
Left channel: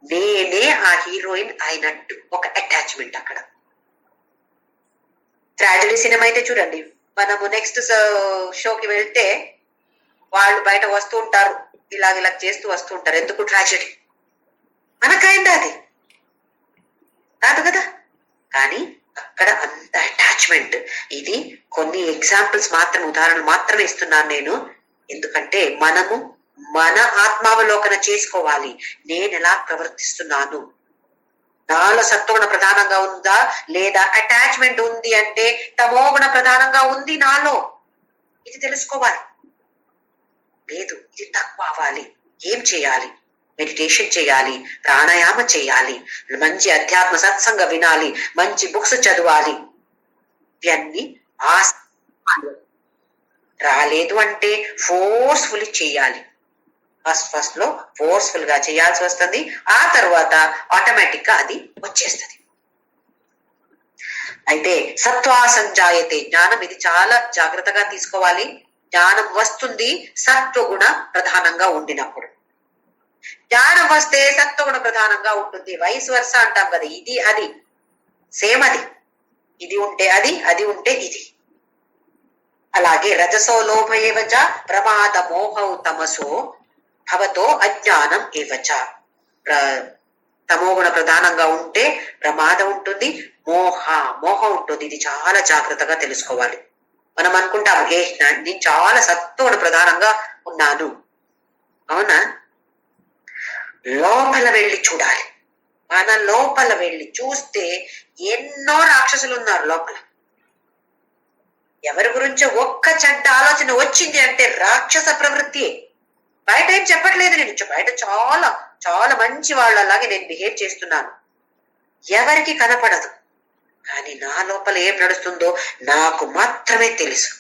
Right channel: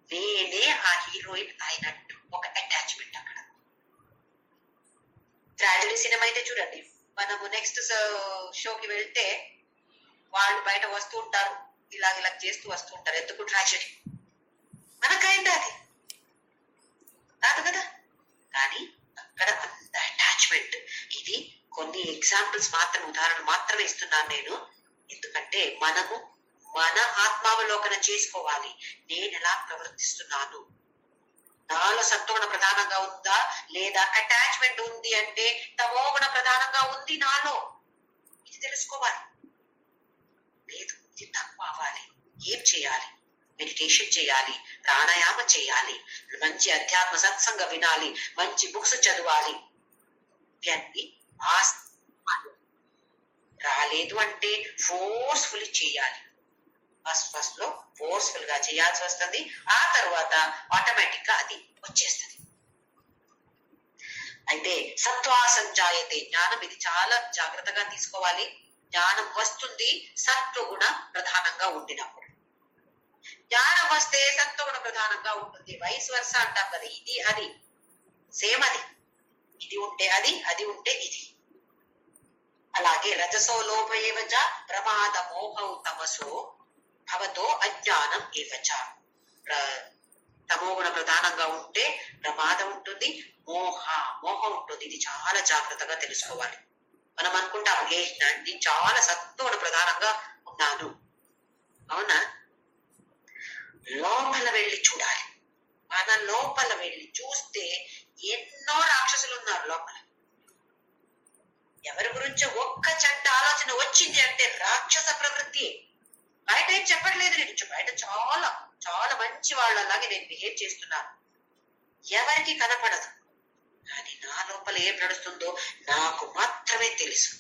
నేనే ఆ హీరోయిన్ అయినట్టు ఒక అటాచ్మెంట్ అక్కడ. ట్రాజడీ సినిమా అయితే చూడండి, మనము నెక్స్ట్ షోకి వెళ్తే వాళ్ళు బయట వస్తూ ఉంటారు, ఇలాగ చేస్తూ వస్తూ ఉంటారు. ఎందుకు? ట్రాజడీ. మనకైంది అది కాదు కదా. కానీ అక్కడ అంత అటాచ్మెంట్. ఇది కొన్ని ఎగ్జాంపుల్స్ మాత్రం, ఉదాహరణలు మాత్రమే ఇస్తున్నాను నేను. ఎందుకంటే మనము మన ఆత్మావలోకన చేసుకోవాలి. నేను ఎలా ప్రవర్తిస్తున్నాను, నాలో సత్వగుణ ప్రధానంగా ఉందా, లేదా అటాచ్మెంట్ ఉంది అంటే తమోగుణ ప్రధానంగా ఉంది నాలో, ఇది తెలుసుకోవాలి. లేదు, ఇది తక్కువ అవ్వాలి. ఏం చేయాలి? మెడిటేషన్ చేయాలి, ప్రాణాయామ చేయాలి, మంచి అధ్యాత్మ సత్సంగ వినాలి, మంచి బుక్స్ చదవాలి. ఇవన్నీ రాలేదు అంటే ఫోర్స్ఫుల్లీ చేయాలి. ఫస్ట్ లో ఫోర్స్ఫుల్ గా చేయాల్సి వస్తుంది, ఆ తర్వాత ఆటోమేటిక్ గా అది వచ్చేస్తుంది. అయితే సత్వా సంజాయతే జ్ఞానం, ఇది చాలా జాగ్రత్తగా తీసుకోవాలి. జ్ఞానం వస్తుంది సత్వగుణ ప్రధానంగా ఉండినప్పుడు. జ్ఞానం వస్తే సత్వగుణ ప్రధానంగా ఉంటుంది. వైస్ వర్స అంటాం కదా, ఇది అది సేమ్. అది ఇది ఉంటే అది, అది ఉంటే ఇది. అలాగే రజసో లోభ ఏవచ ప్రమాద మోహౌ తమసో భవతో అజ్ఞానం ఏవచ. తమోగుణ ప్రధానంగా ఉంటే ప్రమాదం ఉంటుంది, మోహం ఉంటుంది. ఇది చాలా జాగ్రత్తగా తెలుసుకోవాలి. మనం అనుకుంటాము, నేను చాలా సత్వగుణ ప్రధానంగా ఉన్నాను. అవునా? లోపల వెళ్ళి చూడాలి. మన లోపల వెళ్ళి చూస్తే ఎన్నో రాక్షసులు ఉన్నారు లోపల. ఎవరి గురించో ఒక్క చెడ్డ ఆలోచన వచ్చింది అంటే రాక్షస ప్రవృత్తి. బయట ఏం చెప్పట్లేదు నేను, బయట చాలా చాలా మంచి వాళ్ళలాగే నేను బిహేవ్ చేస్తున్నాను, ఎవరికి కనపడదు. కానీ నా లోపల ఏం నడుస్తుందో నాకు మాత్రమే తెలుసు.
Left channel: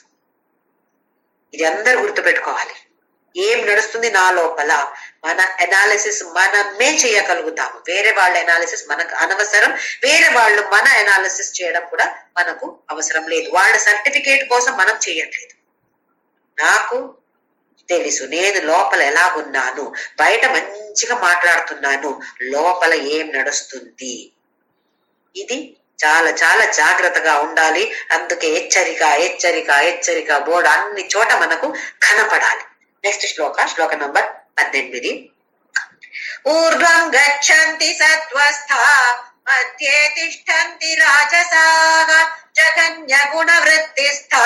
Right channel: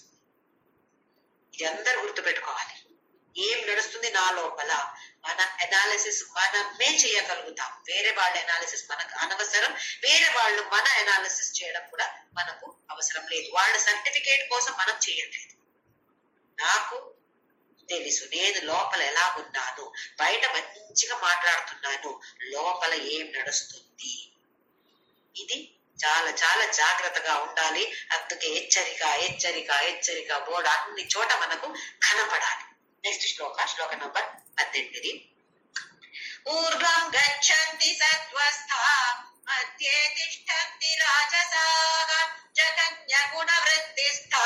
ఇది అందరూ గుర్తుపెట్టుకోవాలి. ఏం నడుస్తుంది నా లోపల, మన అనాలిసిస్ మనమే చేయగలుగుతాము. వేరే వాళ్ళ అనాలిసిస్ మనకు అనవసరం, వేరే వాళ్ళు మన అనాలిసిస్ చేయడం కూడా మనకు అవసరం లేదు. వాళ్ళ సర్టిఫికేట్ కోసం మనం చేయట్లేదు. నాకు తెలుసు నేను లోపల ఎలాగున్నాను, బయట మంచిగా మాట్లాడుతున్నాను, లోపల ఏం నడుస్తుంది. ఇది చాలా చాలా జాగ్రత్తగా ఉండాలి. అందుకే హెచ్చరిక హెచ్చరిక హెచ్చరిక బోర్డు అన్ని చోట మనకు కనపడాలి. నెక్స్ట్ శ్లోక నంబర్ 18. ఊర్ధ్వం గచ్చంతి సత్వస్థా మధ్యే తిష్టంతి రాజసాః జగన్య గుణ వృత్తిస్థా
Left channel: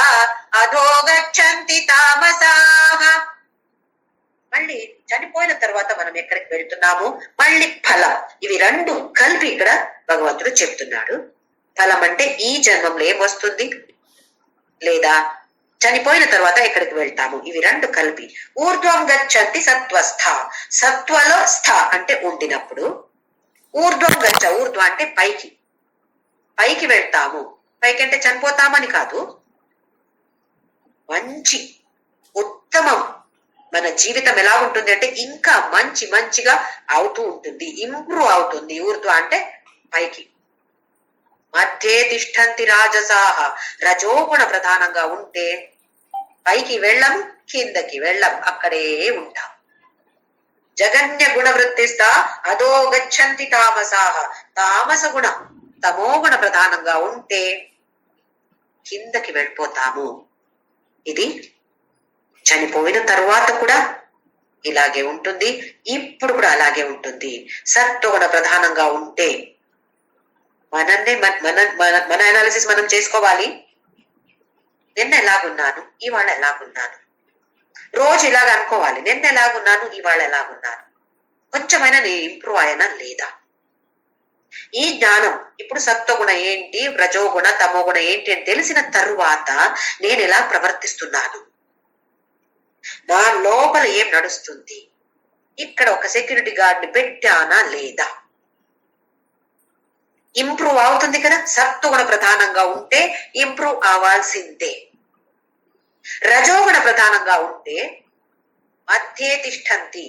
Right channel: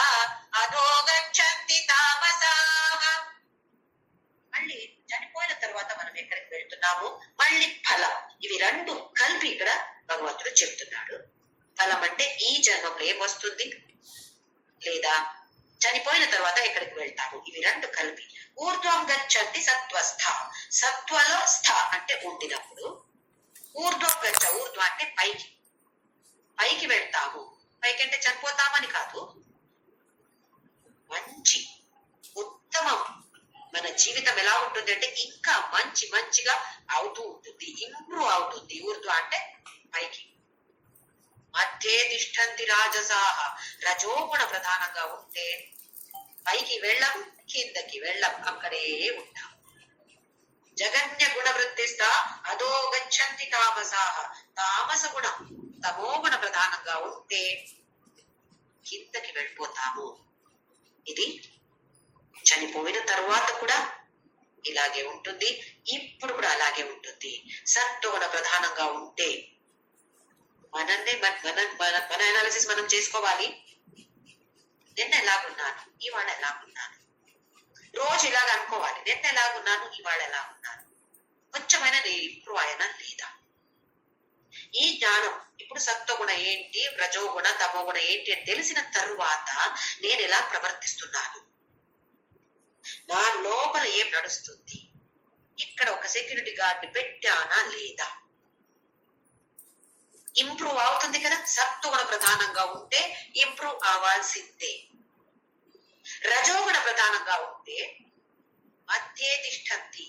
అధో గచ్చంతి తామసాః. మళ్ళీ చనిపోయిన తర్వాత మనం ఎక్కడికి వెళ్తున్నాము, మళ్ళీ ఫలం. ఇవి రెండు కలిపి ఇక్కడ భగవంతుడు చెప్తున్నాడు. ఫలం అంటే ఈ జన్మంలో ఏం వస్తుంది, లేదా చనిపోయిన తర్వాత ఎక్కడికి వెళ్తాము, ఇవి రెండు కలిపి. ఊర్ధ్వం గచ్చంతి సత్వస్థ, సత్వలో స్థ అంటే ఉండినప్పుడు. ఊర్ధ్వం గచ్చ, ఊర్ధ్వ అంటే పైకి, పైకి వెళ్తాము. పైకి అంటే చనిపోతామని కాదు, మంచి ఉత్తమం. మన జీవితం ఎలా ఉంటుంది అంటే ఇంకా మంచిగా అవుతూ ఉంటుంది, ఇంప్రూవ్ అవుతుంది. ఊర్ధ్వ అంటే పైకి. మధ్యే తిష్టంతి రాజసాహ, రజోగుణ ప్రధానంగా ఉంటే పైకి వెళ్ళం, కిందకి వెళ్ళం, అక్కడే ఉంటాం. జగన్య గుణ వృత్తిస్థ అధో గచ్చంతి తామసాహ, తామస గుణ తమోగుణ ప్రధానంగా ఉంటే కిందకి వెళ్ళిపోతాము. ఇది చనిపోయిన తరువాత కూడా ఇలాగే ఉంటుంది, ఇప్పుడు కూడా అలాగే ఉంటుంది. సత్వగుణ ప్రధానంగా ఉంటే మనన్నే మన అనాలిసిస్ మనం చేసుకోవాలి. నిన్న ఎలాగున్నాను, ఇవాళ ఎలాగున్నాను. రోజు ఇలాగ అనుకోవాలి, నిన్న ఎలాగున్నాను, ఇవాళ ఎలాగున్నాను. కొంచెమైనా నేను ఇంప్రూవ్ అయ్యానా లేదా. ఈ జ్ఞానం ఇప్పుడు సత్వగుణ ఏంటి, రజోగుణ తమోగుణ ఏంటి అని తెలిసిన తరువాత నేను ఎలా ప్రవర్తిస్తున్నాను, నా లోపల ఏం నడుస్తుంది, ఇక్కడ ఒక సెక్యూరిటీ గార్డ్ ని పెట్టానా లేదా. ఇంప్రూవ్ అవుతుంది కదా. సత్వగుణ ప్రధానంగా ఉంటే ఇంప్రూవ్ అవ్వాల్సిందే. రజోగుణ ప్రధానంగా ఉంటే మధ్యే తిష్టంతి,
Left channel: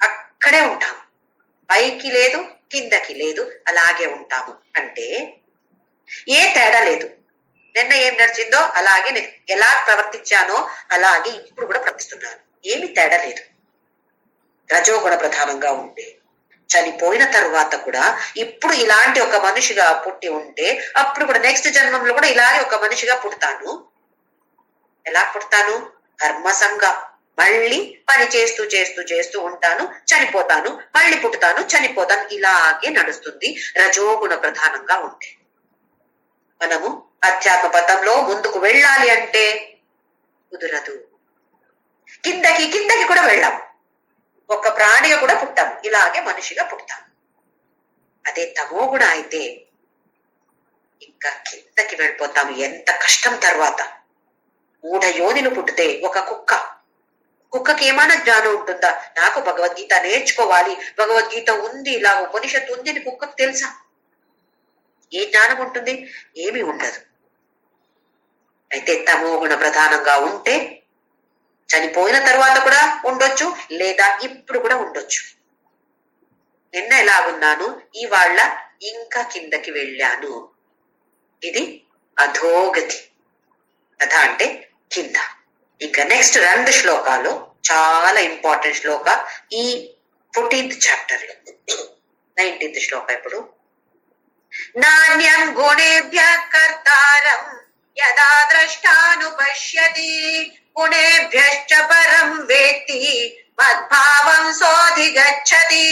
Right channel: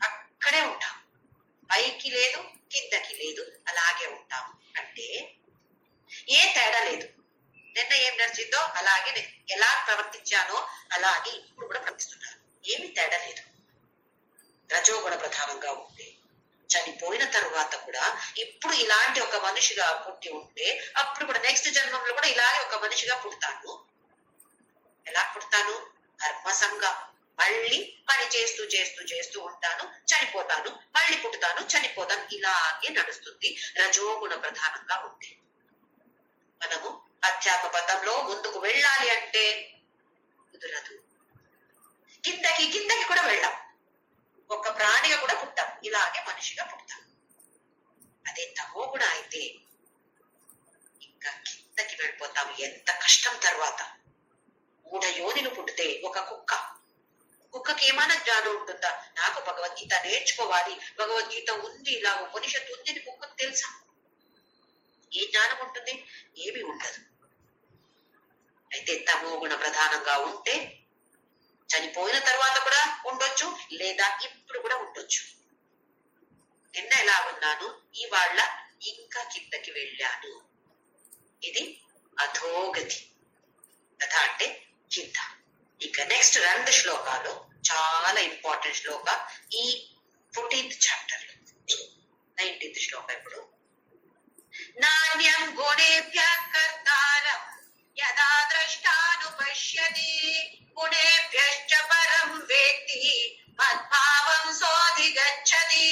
అక్కడే ఉంటాం, పైకి లేదు కిందకి లేదు, అలాగే ఉంటాము. అంటే ఏ తేడా లేదు. నిన్న ఏం నడిచిందో అలాగే ఎలా ప్రవర్తించానో అలాగే ఇప్పుడు కూడా ప్రవర్తిస్తున్నాను, ఏమి తేడా లేదు. రజోగుణ ప్రధానంగా ఉంటే చనిపోయిన తరువాత కూడా ఇప్పుడు ఇలాంటి ఒక మనిషిగా పుట్టి ఉంటే అప్పుడు కూడా నెక్స్ట్ జన్మంలో కూడా ఇలాగే ఒక మనిషిగా పుడతాను. ఎలా పుడతాను, కర్మసంగా మళ్ళీ పని చేస్తూ చేస్తూ చేస్తూ ఉంటాను, చనిపోతాను, మళ్ళీ పుడతాను, చనిపోతాను, ఇలాగే నడుస్తుంది రజోగుణ ప్రధానంగా ఉంటే. మనము అధ్యాత్మ పథంలో ముందుకు వెళ్ళాలి అంటే కుదరదు. కిందకి కూడా వెళ్ళాం, ఒక ప్రాణిగా కూడా పుట్టాం, ఇలాగే మనిషిగా పుట్టాం. అదే తమో గుణ అయితే ఇంకా కిందకి వెళ్ళిపోతాము. ఎంత కష్టం. తర్వాత 3 యోనిలు పుట్టితే ఒక కుక్కకి ఏమైనా జ్ఞానం ఉంటుందా? నాకు భగవద్గీత నేర్చుకోవాలి, భగవద్గీత ఉంది, ఇలా ఉపనిషత్తు ఉంది అని కుక్కకు తెలుసా? ఏ జ్ఞానం ఉంటుంది? ఏమీ ఉండదు. అయితే తమో గుణ ప్రధానంగా ఉంటే చనిపోయిన తర్వాత కూడా ఉండొచ్చు, లేదా ఇప్పుడు కూడా ఉండొచ్చు. నిన్న ఎలా ఉన్నాను, ఇవాళ ఇంకా కిందకి వెళ్ళాను. ఇది అధోగతి. అధ అంటే కింద. ఇంకా నెక్స్ట్ 2 శ్లోకాలు చాలా ఇంపార్టెంట్ శ్లోక ఈ 14th చాప్టర్ లో. 19th శ్లోక ఇప్పుడు. నాణ్యం గుణేభ్య కర్తారం యదా ద్రష్టానుపశ్యతి గుణేభ్యశ్చ పరం వేత్తి మద్భావం సోధిగచ్చతి.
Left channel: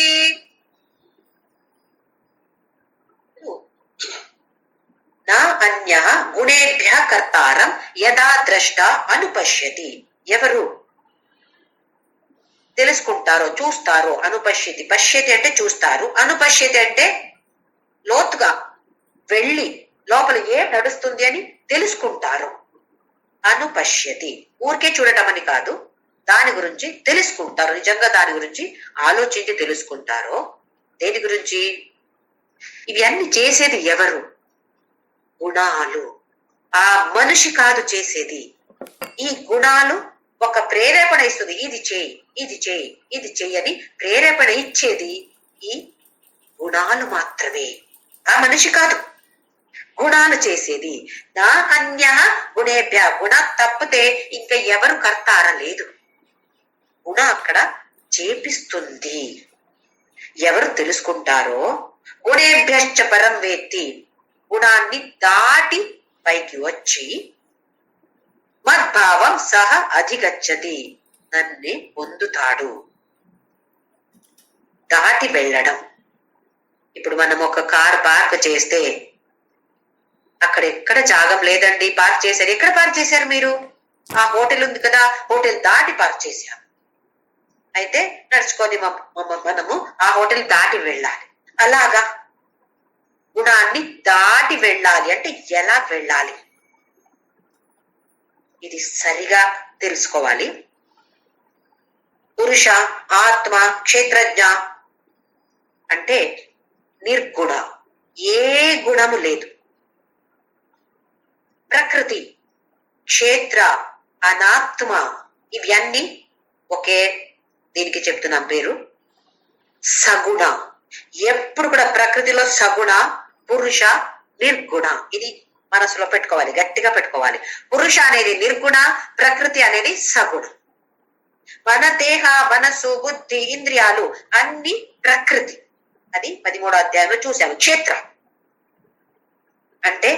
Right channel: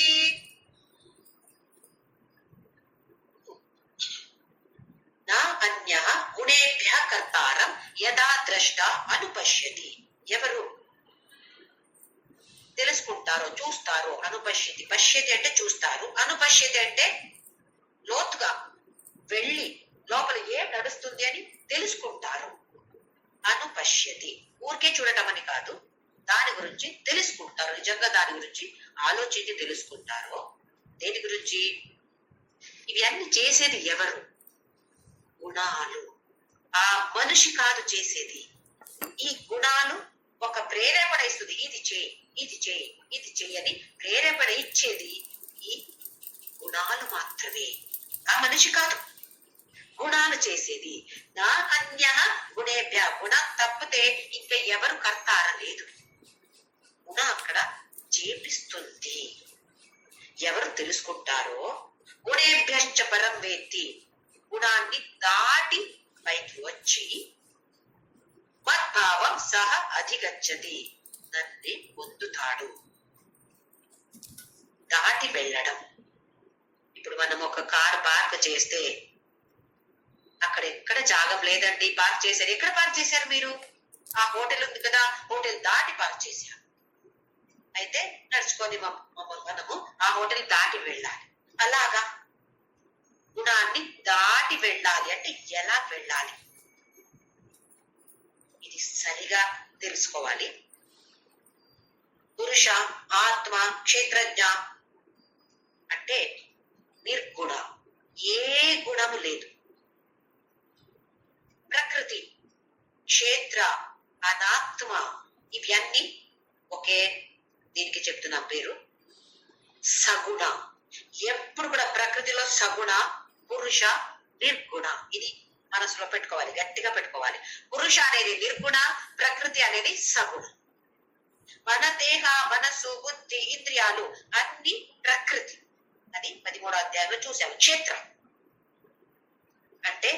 నా అన్యః గుణేభ్య కర్తారం యదా ద్రష్ట అనుపశ్యతి. ఎవరు తెలుసుకుంటారో, చూస్తారో, అనుపశ్యతి, పశ్యతి అంటే చూస్తారు, అనుపశ్యతి అంటే లోతుగా వెళ్ళి లోపల ఏం నడుస్తుంది అని తెలుసుకుంటారు. అనుపశ్యతి ఊరికే చూడటం అని కాదు, దాని గురించి తెలుసుకుంటారు, నిజంగా దాని గురించి ఆలోచించి తెలుసుకుంటారో. దేని గురించి? ఇవి అన్ని చేసేది ఎవరు? గుణాలు. ఆ మనిషి కాదు చేసేది. ఈ గుణాలు ఒక ప్రేరేపణ ఇస్తుంది, ఇది చేయి, ఇది చేయి, ఇది చెయ్యని ప్రేరేపణ ఇచ్చేది ఈ గుణాలు మాత్రమే, ఆ మనిషి కాదు. గుణాలు చేసేది. నా అన్య గుణేభ్య, గుణ తప్పితే ఇంకా ఎవరు కర్తార లేదు. గుణ అక్కడ చేపిస్తుంది. ఎవరు తెలుసుకుంటారో గుణేభ్యశ్చ పరం వేత్తి, గుణాన్ని దాటి పైకి వచ్చి మద్భావం సహ అధిగచ్చతి, నన్ను పొందుతాడు. దాటి వెళ్ళడం. ఇప్పుడు మనం ఒక కార్ పార్క్ చేస్తే అక్కడ ఎక్కడ జాగం లేదండి, పార్క్ చేశారు. ఎక్కడ పార్క్ చేశారు మీరు? ఆ హోటల్ ఉంది కదా, హోటల్ దాటి పార్క్ చేశారు. అయితే నడుచుకొని మనము ఆ హోటల్ దాటి వెళ్ళాలి. అలాగా గుణాన్ని దాటి వెళ్ళాలి అంటే ఎలా వెళ్ళాలి? ఇది సరిగా తెలుసుకోవాలి. పురుష, ఆత్మ, క్షేత్రజ్ఞ అంటే నిర్గుణ, ఏ గుణము లేదు. ప్రకృతి, క్షేత్ర, అనాత్మ ఇవన్నీ ఒకే దీనికి చెప్తున్నాం పేరు సగుణ. ఎప్పుడు కూడా ప్రకృతిలో సగుణ, పురుష, నిర్గుణ. ఇది మనసులో పెట్టుకోవాలి, గట్టిగా పెట్టుకోవాలి. పురుష అనేది నిర్గుణ, ప్రకృతి అనేది సగుణ. మన దేహ, మనసు, బుద్ధి, ఇంద్రియాలు అన్ని ప్రకృతి. అది 13వ అధ్యాయంలో చూసాము. క్షేత్ర అంటే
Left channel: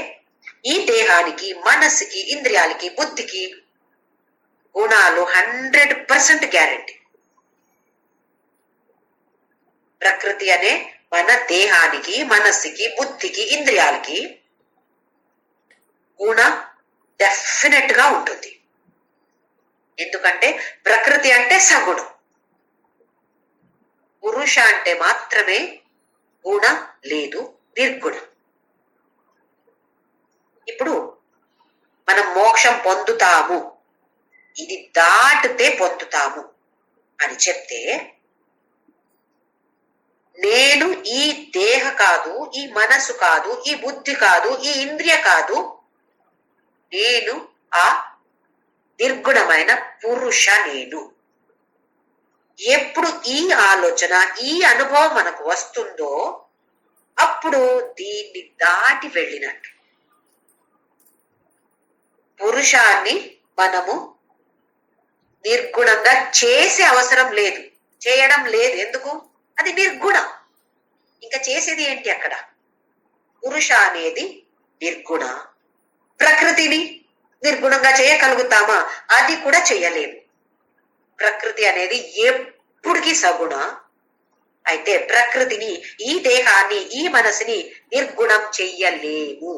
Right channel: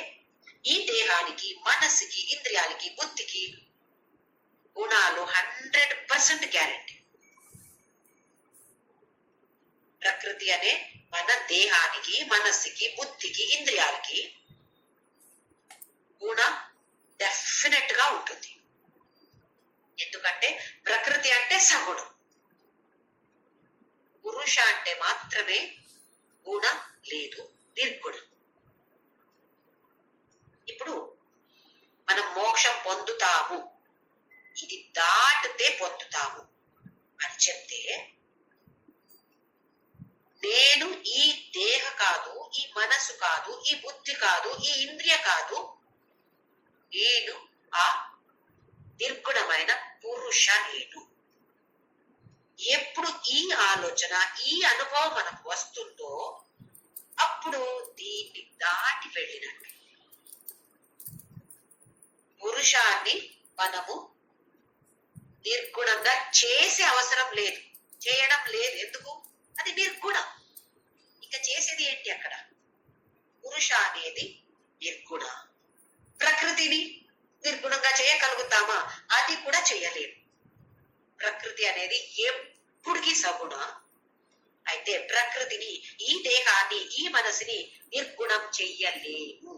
ఈ దేహానికి, మనసుకి, ఇంద్రియాలకి, బుద్ధికి గుణాలు 100% గ్యారెంటీ. ప్రకృతి అనే మన దేహానికి, మనస్సుకి, బుద్ధికి, ఇంద్రియాలకి గుణ డెఫినెట్ గా ఉంటుంది. ఎందుకంటే ప్రకృతి అంటే సగుణం, పురుష అంటే మాత్రమే గుణ లేదు, నిర్గుణం. ఇప్పుడు మనం మోక్షం పొందుతాము, ఇది దాటితే పొందుతాము అని చెప్తే, నేను ఈ దేహ కాదు, ఈ మనసు కాదు, ఈ బుద్ధి కాదు, ఈ ఇంద్రియ కాదు, నేను ఆ నిర్గుణమైన పురుష నేను. ఎప్పుడు ఈ ఆలోచన, ఈ అనుభవం మనకు వస్తుందో అప్పుడు దీన్ని దాటి వెళ్ళినట్టు. పురుషాన్ని మనము నిర్గుణంగా చేసే అవసరం లేదు, చేయడం లేదు. ఎందుకు? అది నిర్గుణం. ఇంకా చేసేది ఏంటి అక్కడ? పురుష అనేది నిర్గుణ. ప్రకృతిని నిర్గుణంగా చేయగలుగుతామా? అది కూడా చేయలేము. ప్రకృతి అనేది ఎప్పుడికి సగుణ. అయితే ప్రకృతిని, ఈ దేహాన్ని, ఈ మనసుని నిర్గుణం చెయ్యలేము.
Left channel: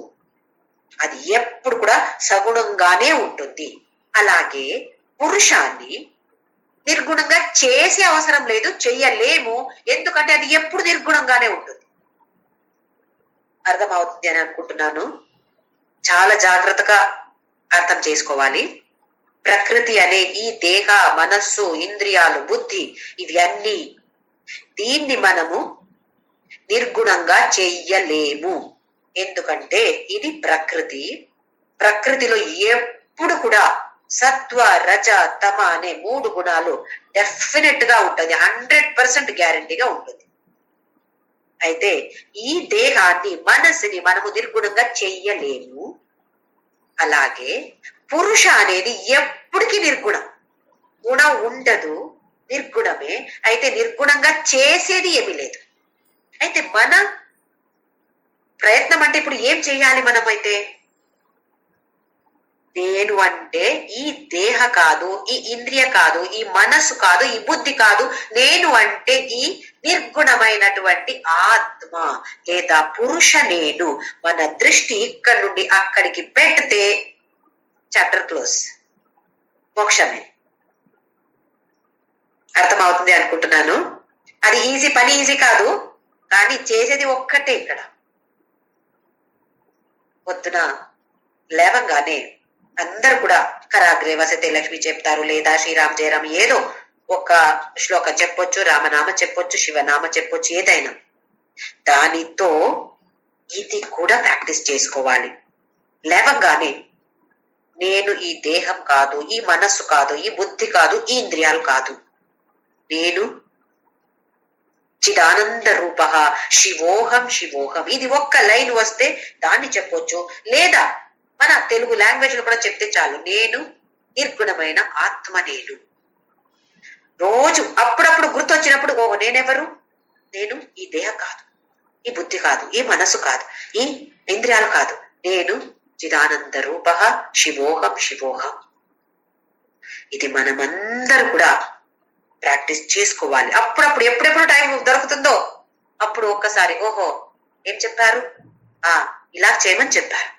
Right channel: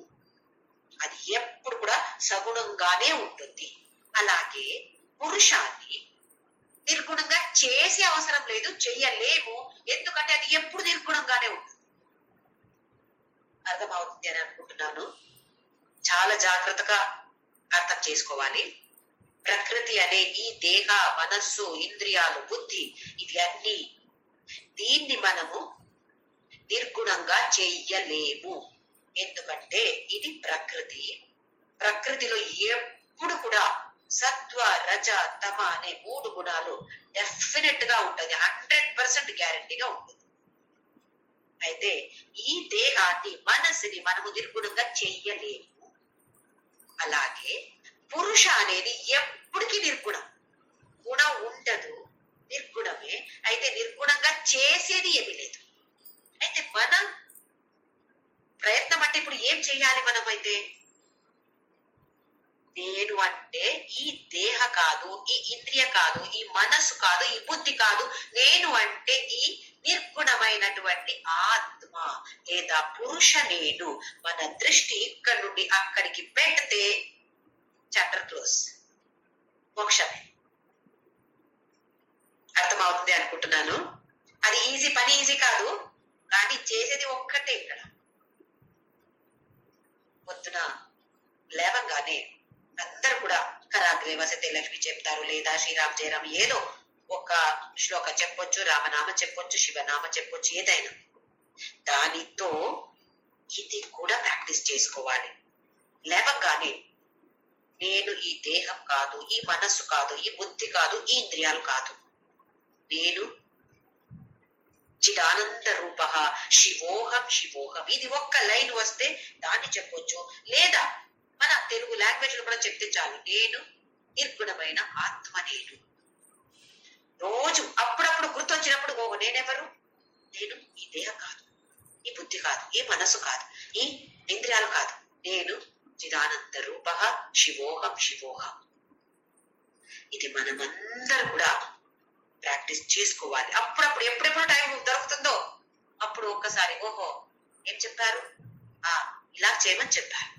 అది ఎప్పుడు కూడా సగుణంగానే ఉంటుంది. అలాగే పురుషాన్ని నిర్గుణంగా చేసే అవసరం లేదు, చెయ్యలేము. ఎందుకంటే అది ఎప్పుడు నిర్గుణంగానే ఉంటుంది. అర్థమవుతుంది అని అనుకుంటున్నాను. చాలా జాగ్రత్తగా అర్థం చేసుకోవాలి. ప్రకృతి అనే ఈ దేహ, మనస్సు, ఇంద్రియాలు, బుద్ధి ఇవన్నీ, దీన్ని మనము నిర్గుణంగా చెయ్యలేము. ఎందుకంటే ఇది ప్రకృతి. ప్రకృతిలో ఎప్పుడు కూడా సత్వ, రజ, తమ అనే 3 గుణాలు డెఫినెట్ గా ఉంటుంది, 100% గ్యారంటీగా ఉంటుంది. అయితే ఈ దేహాన్ని, మనసుని మనము నిర్గుణంగా చెయ్యలేము. అలాగే పురుష అనేది ఎప్పటికీ నిర్గుణం, గుణం ఉండదు, నిర్గుణమే. అయితే నిర్గుణంగా చేసేది ఏమీ లేదు. అయితే మన ప్రయత్నం అంటే ఇప్పుడు ఏం చేయాలి మనమైతే? నేను అంటే ఈ దేహ కాదు, ఈ ఇంద్రియ కాదు, ఈ మనస్సు కాదు, ఈ బుద్ధి కాదు. నేను అంటే ఈ నిర్గుణమైనటువంటి ఆత్మ లేదా పురుష నేను. మన దృష్టి ఇక్కడ నుండి అక్కడికి పెడితే చాప్టర్ క్లోజ్, మోక్షమే. అర్థమవుతుంది అనుకుంటున్నాను. అది ఈజీ పని, ఈజీ కాదు, కానీ చేసేది ఒక్కటే. ఇక్కడ పొద్దున లేవంగానే అందరు కూడా కరాగ్రే వసతే లక్ష్మి చెప్తారు, లేదా శ్రీరామ్ జయరామ్ ఏదో ఒక శ్లోకం చెప్పొచ్చు, రామనామ చెప్పొచ్చు, శివనామ చెప్పొచ్చు, ఏదైనా. దానితో ఇది కూడా ప్రాక్టీస్ చేసుకోవాలి. లేవగానే నేను ఈ దేహం కాదు, ఈ మనస్సు కాదు, ఈ బుద్ధి కాదు, ఈ ఇంద్రియాలు కాదు, నేను చిదానంద రూప శివోహం శివోహం. ఇది ఒక్క లైన్ వస్తే దాన్ని చెప్పొచ్చు, లేదా మన తెలుగు లాంగ్వేజ్ లో కూడా చెప్తే చాలు. నేను నిర్గుణమైన ఆత్మ నేను. రోజు అప్పుడప్పుడు గుర్తొచ్చినప్పుడు ఓ నేనెవరు, నేను ఈ దేహం కాదు, ఈ బుద్ధి కాదు, ఈ మనసు కాదు, ఈ ఇంద్రియాలు కాదు, నేను చిదానంద రూప శివోహం శివోహం. ఇది మనమందరూ కూడా ప్రాక్టీస్ చేసుకోవాలి. అప్పుడప్పుడు ఎప్పుడెప్పుడు టైం దొరుకుతుందో అప్పుడు ఒక్కసారి ఓహో ఏం చెప్పారు, ఇలా చేయమని చెప్పారు,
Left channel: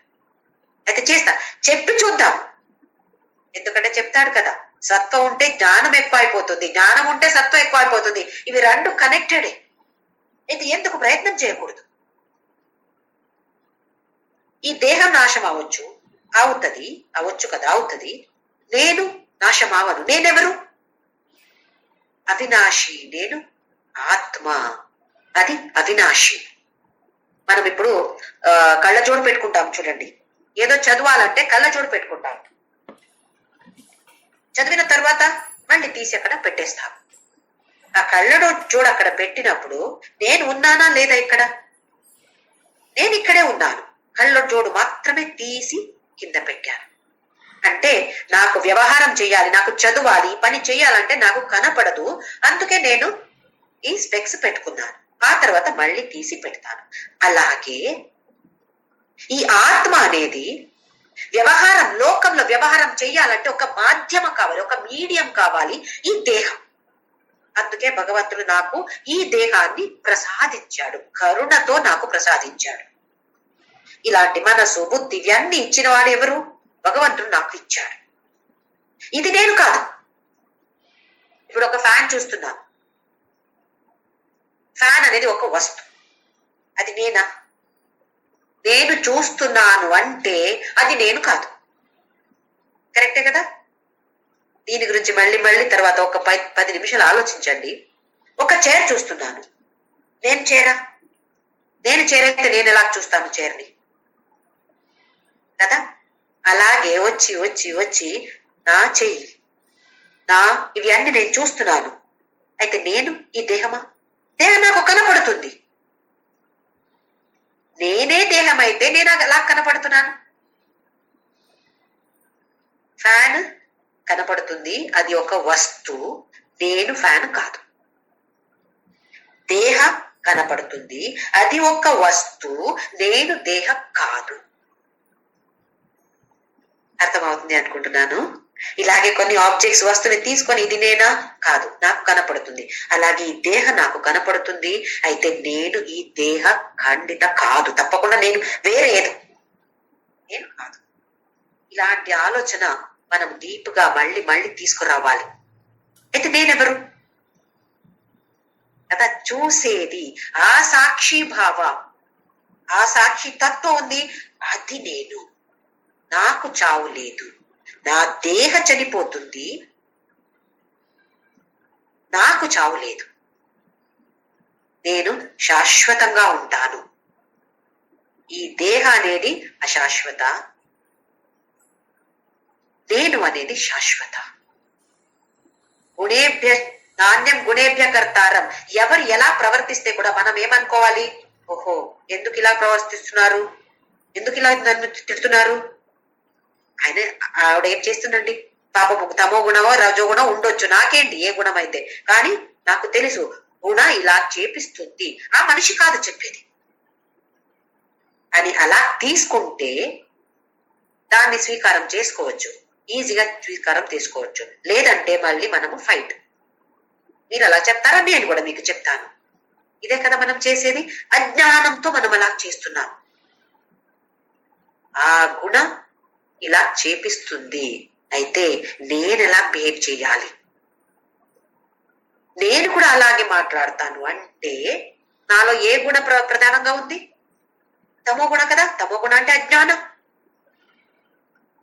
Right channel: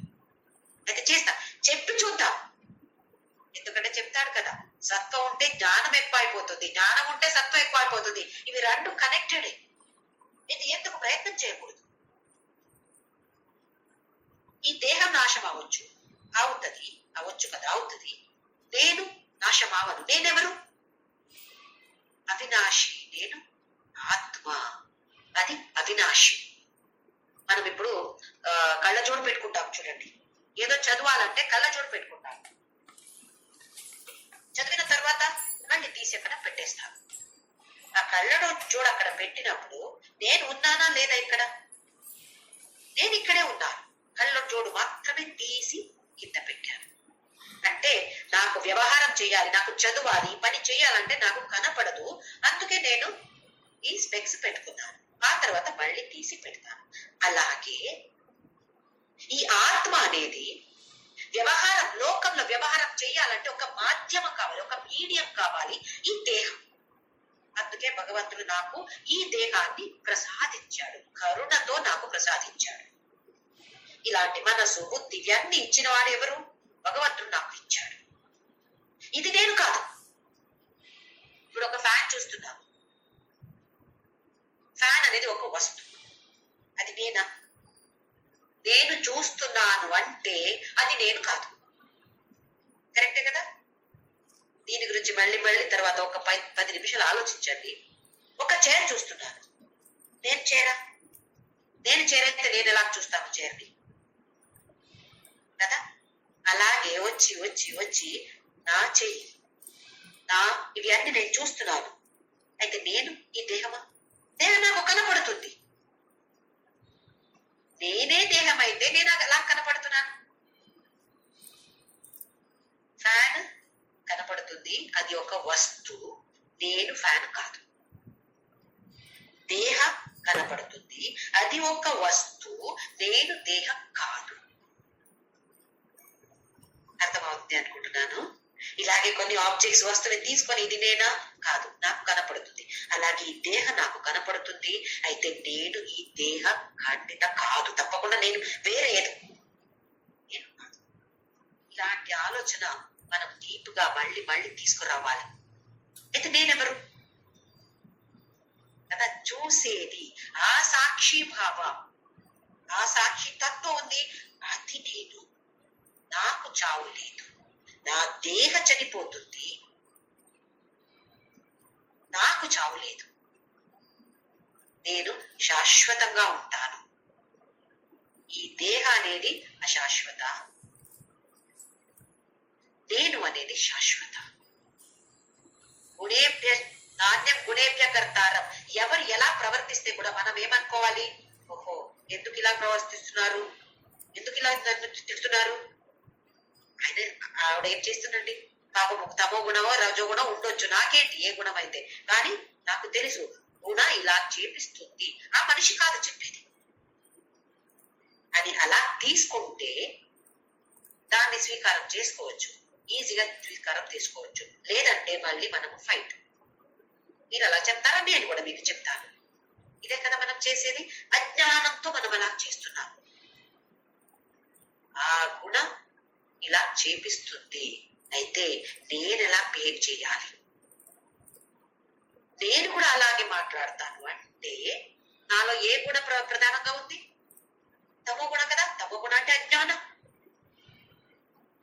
అయితే చేస్తా, చెప్పి చూద్దాం. ఎందుకంటే చెప్తాడు కదా, సత్వం ఉంటే జ్ఞానం ఎక్కువ అయిపోతుంది, జ్ఞానం ఉంటే సత్వం ఎక్కువ అయిపోతుంది. ఇవి రెండు కనెక్టెడే. అయితే ఎందుకు ప్రయత్నం చేయకూడదు? ఈ దేహం నాశం అవ్వచ్చు, అవచ్చు కదా, అవుతుంది. నేను నాశం అవను. నేనెవరు? అవినాశి. నేను ఆత్మ, అది అవినాశి. మనం ఇప్పుడు కళ్ళజోడు పెట్టుకుంటాం చూడండి. ఏదో చదవాలంటే కళ్ళజోడు పెట్టుకుంటాం, చదివిన తర్వాత మళ్ళీ తీసి అక్కడ పెట్టేస్తాం. ఆ కళ్ళజోడు అక్కడ పెట్టినప్పుడు నేను ఉన్నానా లేదా? ఇక్కడ నేను ఇక్కడే ఉన్నాను, కళ్ళజోడు మాత్రమే తీసి కింద పెట్టాను. అంటే నాకు వ్యవహారం చేయాలి, నాకు చదవాలి, పని చేయాలంటే నాకు కనపడదు, అందుకే నేను ఈ స్పెక్స్ పెట్టుకున్నాను. ఆ తర్వాత మళ్ళీ తీసి పెడతాను. అలాగే ఈ ఆత్మ అనేది వ్యవహారం, లోకంలో వ్యవహారం చేయాలంటే ఒక మాధ్యమం కావాలి, ఒక మీడియం కావాలి, ఈ దేహం. అందుకే భగవంతుడు నాకు ఈ దేహాన్ని ప్రసాదించాడు, కరుణతో నాకు ప్రసాదించాడు. ఇలాంటి మనసు, బుద్ధి ఇవన్నీ ఇచ్చిన వాడు ఎవరు? భగవంతుడు నాకు ఇచ్చాడు. ఇది నేను కాదు. ఇప్పుడు ఒక ఫ్యాన్ చూస్తున్నాను. ఫ్యాన్ అనేది ఒక వస్తువు, అది నేనా? నేను చూస్తున్నాను అంటే అది నేను కాదు. కరెక్టే కదా? దీని గురించి మళ్ళీ మళ్ళీ తర్వాత ఒక 10 నిమిషాలు ఆలోచించండి. ఒక చైర్ చూస్తున్నాను, నేను చైరా? నేను చైర్ అయితే నేను ఎలా చూస్తాను చైర్ని కదా? అలాగే వచ్చి వచ్చి వచ్చి నా చెయ్యి, ఇవి అన్ని నేను చూస్తున్నాను. అయితే నేను ఈ దేహమా? దేహం నాకు కనపడుతుంది. నేనే దేహం అయితే నేను ఎలా కనపడుతున్నాను? ఫ్యాన్ కనపడుతుంది, అది ఒక వస్తువు, నేను ఫ్యాన్ కాదు. దేహం కనపడుతుంది, అది ఒక వస్తువు, నేను దేహం కాదు. అర్థమవుతుంది అనుకుంటున్నాను. ఇలాగే కొన్ని ఆబ్జెక్ట్స్, వస్తువుని తీసుకొని ఇది నేనా? కాదు, నాకు కనపడుతుంది. అలాగే ఈ దేహం నాకు కనపడుతుంది, అయితే నేను ఈ దేహ ఖండిత కాదు, తప్పకుండా నేను వేరే ఏదో, నేను కాదు. ఇలాంటి ఆలోచన మనం డీప్ గా మళ్ళీ మళ్ళీ తీసుకురావాలి. అయితే నేనెవరు కదా? చూసేది ఆ సాక్షి భావ, ఆ సాక్షి తత్వం ఉంది, అది నేను. నాకు చావు లేదు, నా దేహ చనిపోతుంది, నాకు చావు లేదు. నేను శాశ్వతంగా ఉంటాను. ఈ దేహ అనేది అశాశ్వత, నేను అనేది శాశ్వత. గుణేభ్య నాణ్యం గుణేభ్య కర్తారం. ఎవరు ఎలా ప్రవర్తిస్తే కూడా మనం ఏమనుకోవాలి? ఓహో, ఎందుకు ఇలా ప్రవర్తిస్తున్నారు, ఎందుకు ఇలా నన్ను తిడుతున్నారు, ఆవిడ ఏం చేస్తుందండి, పాపము తమో గుణమో రజో గుణం ఉండొచ్చు, నాకేంటి ఏ గుణం అయితే, కానీ నాకు తెలుసు గుణ ఇలా చేపిస్తుంది, ఆ మనిషి కాదు చెప్పేది అని అలా తీసుకుంటే దాన్ని స్వీకారం చేసుకోవచ్చు, ఈజీగా స్వీకారం చేసుకోవచ్చు. లేదంటే మళ్ళీ మనము ఫైట్. మీరు అలా చెప్తారా, నేను కూడా మీకు చెప్తాను. ఇదే కదా మనం చేసేది. అజ్ఞానంతో మనం అలా చేస్తున్నాం. ఆ గుణం ఇలా చేపిస్తుంది, అయితే నేను ఎలా బిహేవ్ చేయాలి, నేను కూడా అలాగే మాట్లాడతాను అంటే నాలో ఏ గుణ ప్రధానంగా ఉంది? తమో గుణ కదా. తమో గుణ అంటే అజ్ఞానం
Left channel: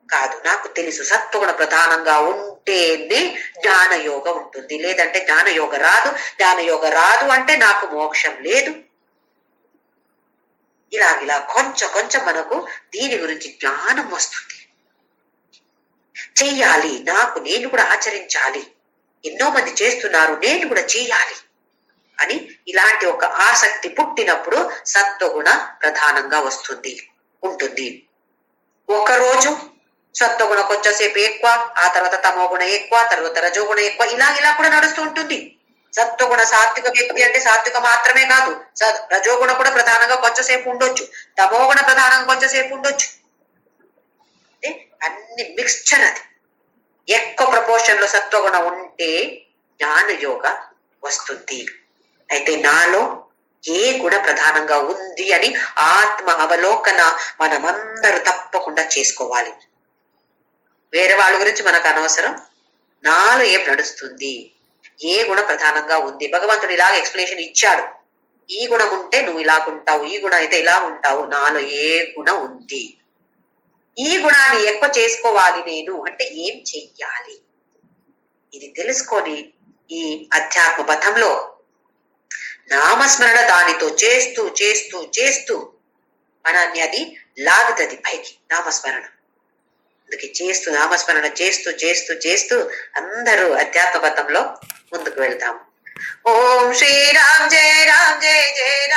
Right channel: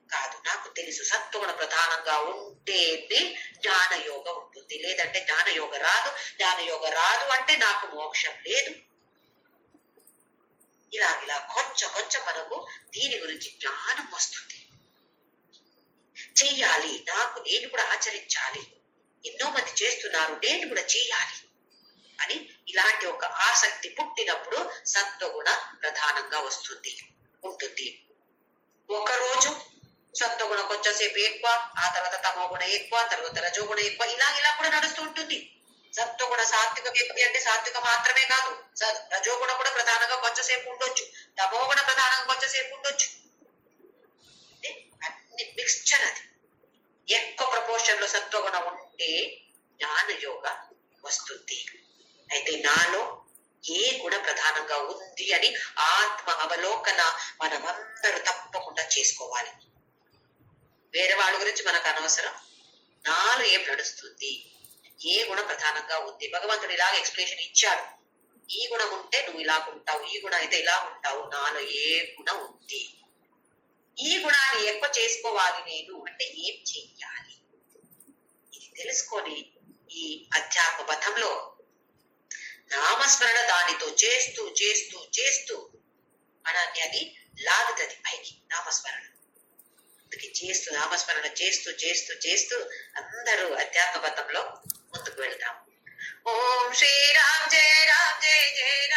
కాదు. నాకు తెలుసు సత్వగుణ ప్రధానంగా ఉంటేనే జ్ఞానయోగ ఉంటుంది, లేదంటే జ్ఞానయోగ రాదు. జ్ఞానయోగ రాదు అంటే నాకు మోక్షం లేదు. ఇలా కొంచెం కొంచెం మనకు దీని గురించి జ్ఞానం వస్తుంది. చెయ్యాలి, నాకు నేను కూడా ఆచరించాలి, ఎన్నో మంది చేస్తున్నారు, నేను కూడా చేయాలి అని ఇలాంటి ఒక ఆసక్తి పుట్టినప్పుడు సత్వగుణ ప్రధానంగా ఉంటుంది. ఒకరోజు సత్వగుణ కొంచెంసేపు ఎక్కువ, ఆ తర్వాత తమో గుణ ఎక్కువ, తర్వాత రజోగుణ ఎక్కువ, ఇలా కూడా నడుస్తూ ఉంటుంది. సత్వగుణ సాత్విక వ్యక్తి అంటే సాత్విక మాత్రమే కాదు, రజోగుణ కూడా ప్రధానంగా కొంచెంసేపు ఉండొచ్చు, తమోగుణ ప్రధానంగా కొంచెంసేపు ఉండొచ్చు. అంటే అన్ని మిక్స్చర్ అది. ఎక్కువ ప్రపోర్షన్ లో సత్వగుణ ఉంటే జ్ఞాన యోగ వస్తుంది. అయితే నాలో ఏ గుణ ప్రధానంగా ఉంది అని ఆత్మ అవలోకన మనమందరూ తప్పకుండా చేసుకోవాలి. వేరే వాళ్ళ గురించి మనకు అనవసరం. నాలో ఏం నడుస్తుంది, ఏ గుణ ప్రధానంగా ఉంది. భగవంతుడు ఇలాగ ఎక్స్ప్లెనేషన్ ఇచ్చాడు. ఈ గుణం ఉంటే నువ్వు ఇలాగుంటావు, ఈ గుణం అయితే ఇలా ఉంటావు. నాలో ఏ గుణం ఉంది, ఈ గుణాన్ని ఎక్కువ చేసుకోవాలి నేను అంటే ఏం చెయ్యాలి, ఇది తెలుసుకొని ఈ అధ్యాత్మ పథంలో నామస్మరణ దానితో చేస్తూ చేస్తూ చేస్తూ మనల్ని అది లాగుతుంది పైకి. నామస్మరణ అందుకే చేస్తూ నామస్మరణ చేస్తూ చేస్తూ చేస్తూ అందరూ అధ్యాత్మ పథంలో ముందుకు వెళ్తాము. ఓం శ్రీరామ్ జయ రామ్ జయ జయ రామ్.